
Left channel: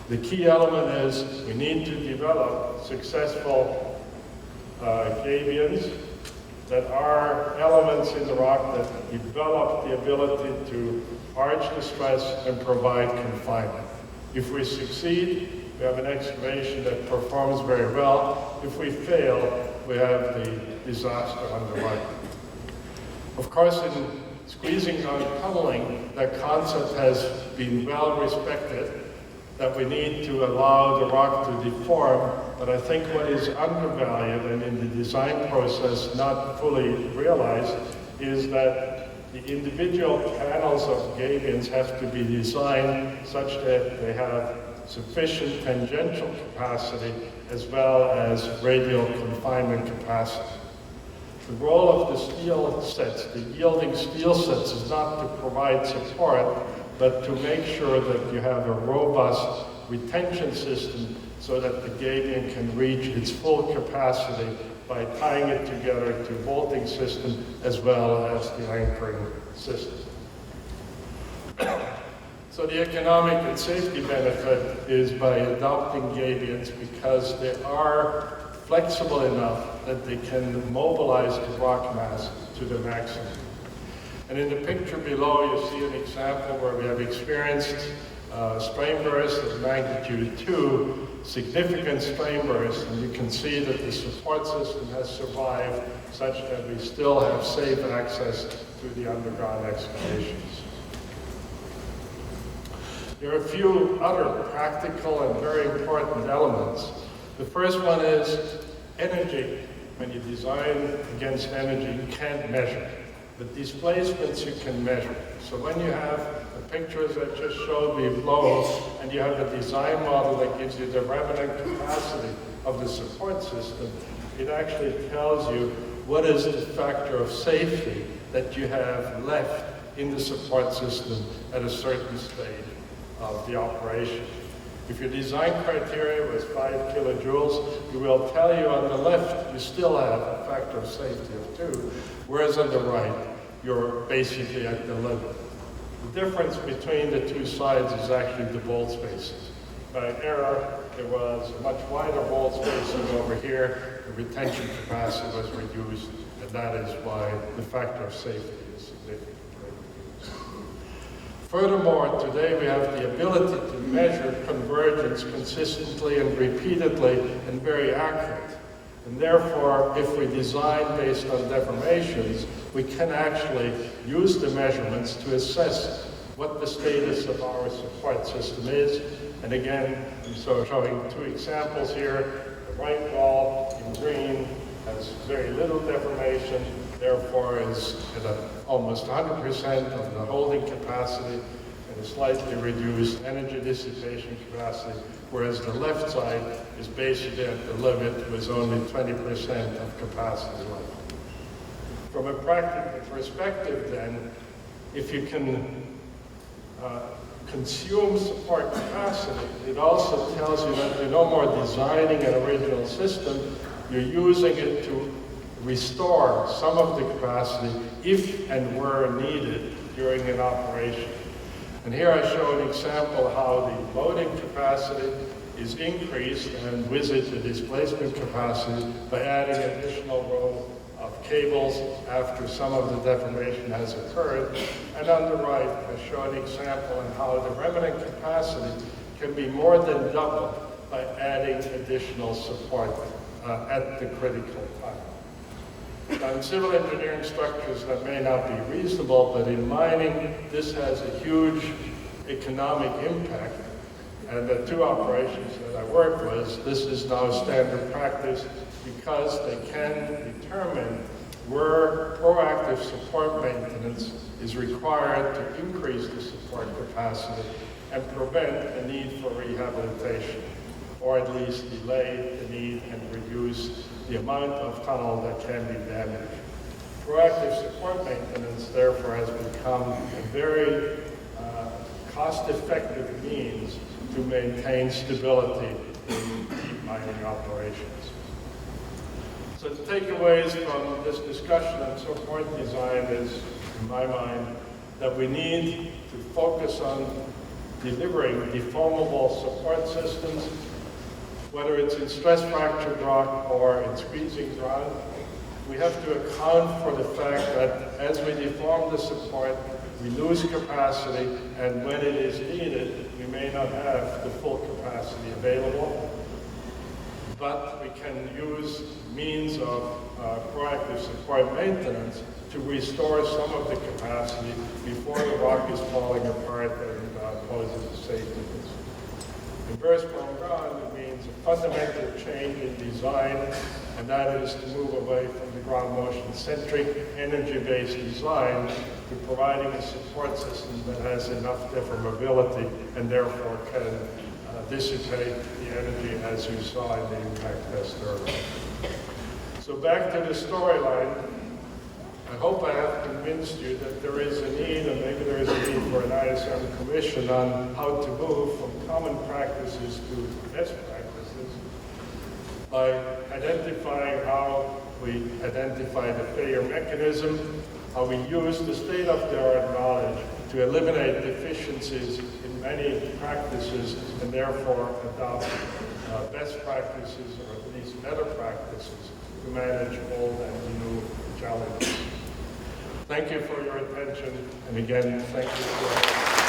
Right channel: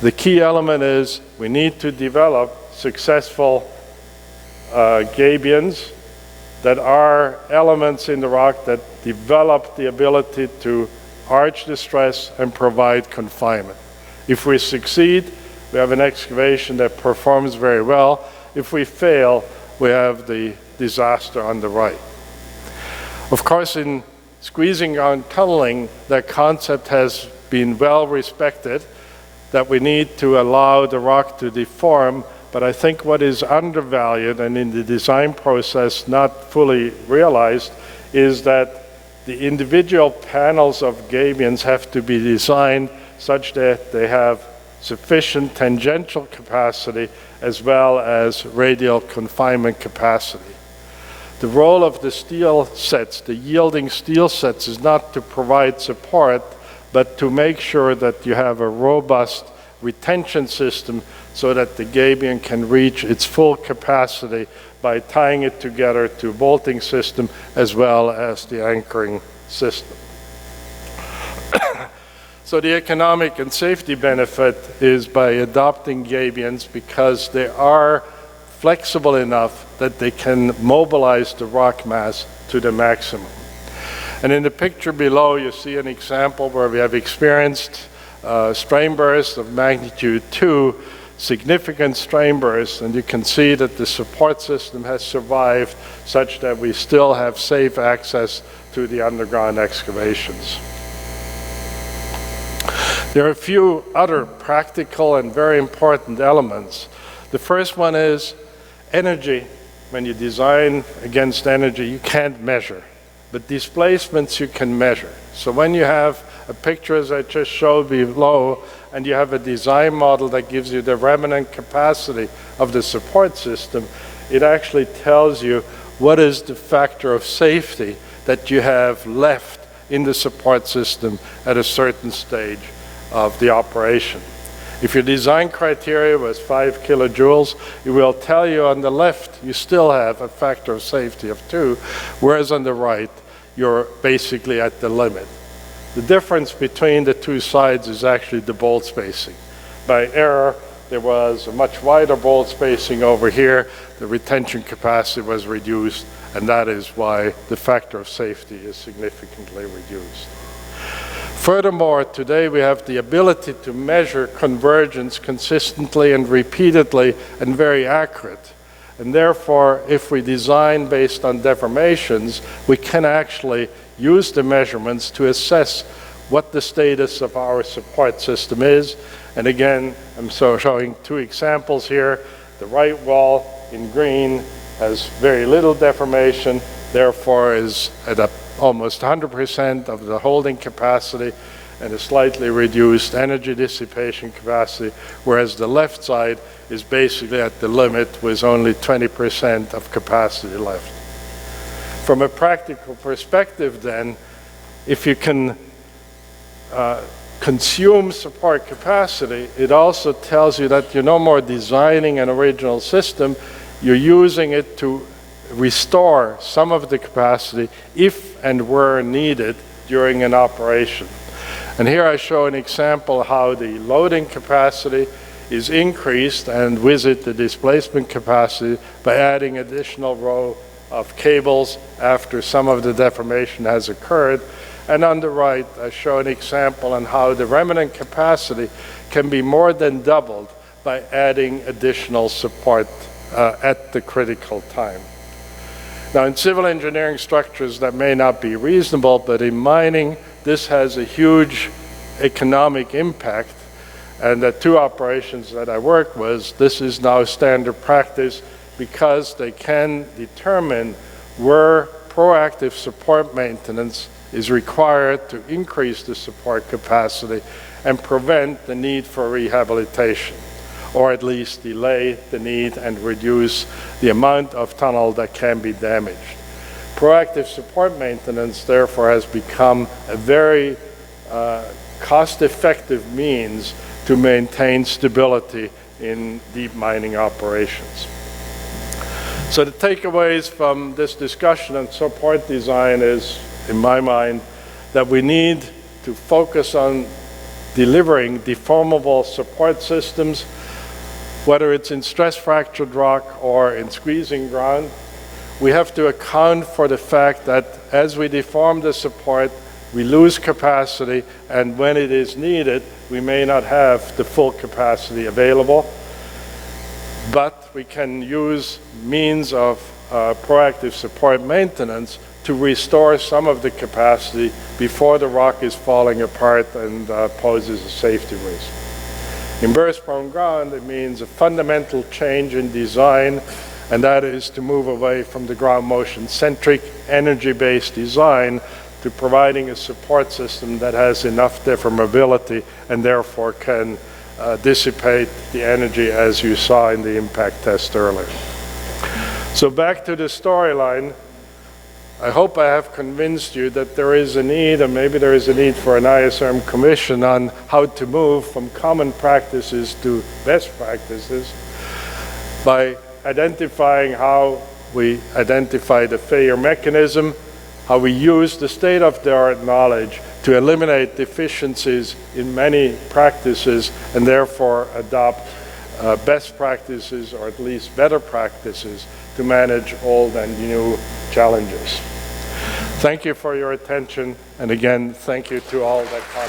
The key element is we need to develop successful gabions that are elements in the rock that develop the ability to arch the stress and provide confinement. If we succeed, we have an excavation that performs very well. If we fail, we have the disaster on the right. Of course, in squeezing ground tunneling, that concept has been well respected, that we need to allow the rock to deform, but I think what is undervalued and in the design process not fully realized is that the individual panels of gabions have to be designed such that they have sufficient tangential capacity as well as radial confinement capacity. The role of the steel sets, the yielding steel sets, is not to provide support, but to make sure that you have a robust retention system so that the gabion can reach its full capacity by tying it together to a bolting system as well as the anchoring system. So the economic and safety benefit is by adopting gabions because they are flexible enough that they can mobilize the rock mass to the maximum. And in the picture below, you see an example where we have experienced strain bursts of magnitude 2, significant strain bursts, and you can see that the support system has survived such that we still have safe access to the underground excavations. There are a few other practical and very important elements. The first one is energy. When you design against energy, you can't measure, but displacements you can measure. So when you have a picture as I just showed below, and you have a design model that gives you the remnant capacity of the support system, it actually tells you what is the factor of safety that you have left in the support system at a certain stage of the operation. If your design criteria was 5 kilojoules, it will tell you on the left you still have a factor of safety of 2, whereas on the right you're basically at the limit. The difference between the two sides is actually the bolt spacing. By error, there was a much wider bolt spacing over here. The retention capacity was reduced, and that is why the factor of safety is significantly reduced. Furthermore, today we have the ability to measure convergence consistently and repeatedly and very accurate. And therefore, if we design based on deformations, we can actually use the measurements to assess what the status of our support system is. And again, I'm showing two examples here. The right wall in green has very little deformation, therefore is at almost 100% of the holding capacity and a slightly reduced energy dissipation capacity, whereas the left side is basically at the limit with only 20% of capacity left. From a practical perspective then, if you can consume support capacity, it also tells you that you're no more designing an original system, you're using it to restore some of the capacity if and where needed during an operation. And here I show an example how the loading capacity is increased and with it the displacement capacity by adding additional row of cables after some of the deformation has occurred. And on the right, I show an example on how the remnant capacity can be more than doubled by adding additional support at the critical time. Now, in civil engineering structures, that may not be reasonable, but in mining, this has a huge economic impact. And the two operations that I work with, this is now standard practice because they can determine where proactive support maintenance is required to increase the support capacity and prevent the need for rehabilitation, or at least delay the need and reduce the amount of tunnel that can be damaged. Proactive support maintenance, therefore, has become a very cost-effective means to maintain stability in deep mining operations. So the takeaways from this discussion on support design is, in my mind, that we need to focus on delivering deformable support systems, whether it's in stress-fractured rock or in squeezing ground. We have to account for the fact that as we deform the support, we lose capacity, and when it is needed, we may not have the full capacity available. But we can use means of proactive support maintenance to restore some of the capacity before the rock is falling apart and poses a safety risk. In burst-prone ground, it means a fundamental change in design, and that is to move away from the ground motion-centric, energy-based design to providing a support system that has enough deformability and therefore can dissipate the energy as you saw in the impact test earlier. So back to the storyline, I hope I have convinced you that there is a need, and maybe there is a need for an ISRM commission on how to move from common practices to best practices by identifying how we identify the failure mechanism, how we use the state-of-the-art knowledge to eliminate deficiencies in many practices and therefore adopt best practices, or at least better practices, to manage old and new challenges. Thank you for your attention, and again, thank you to all that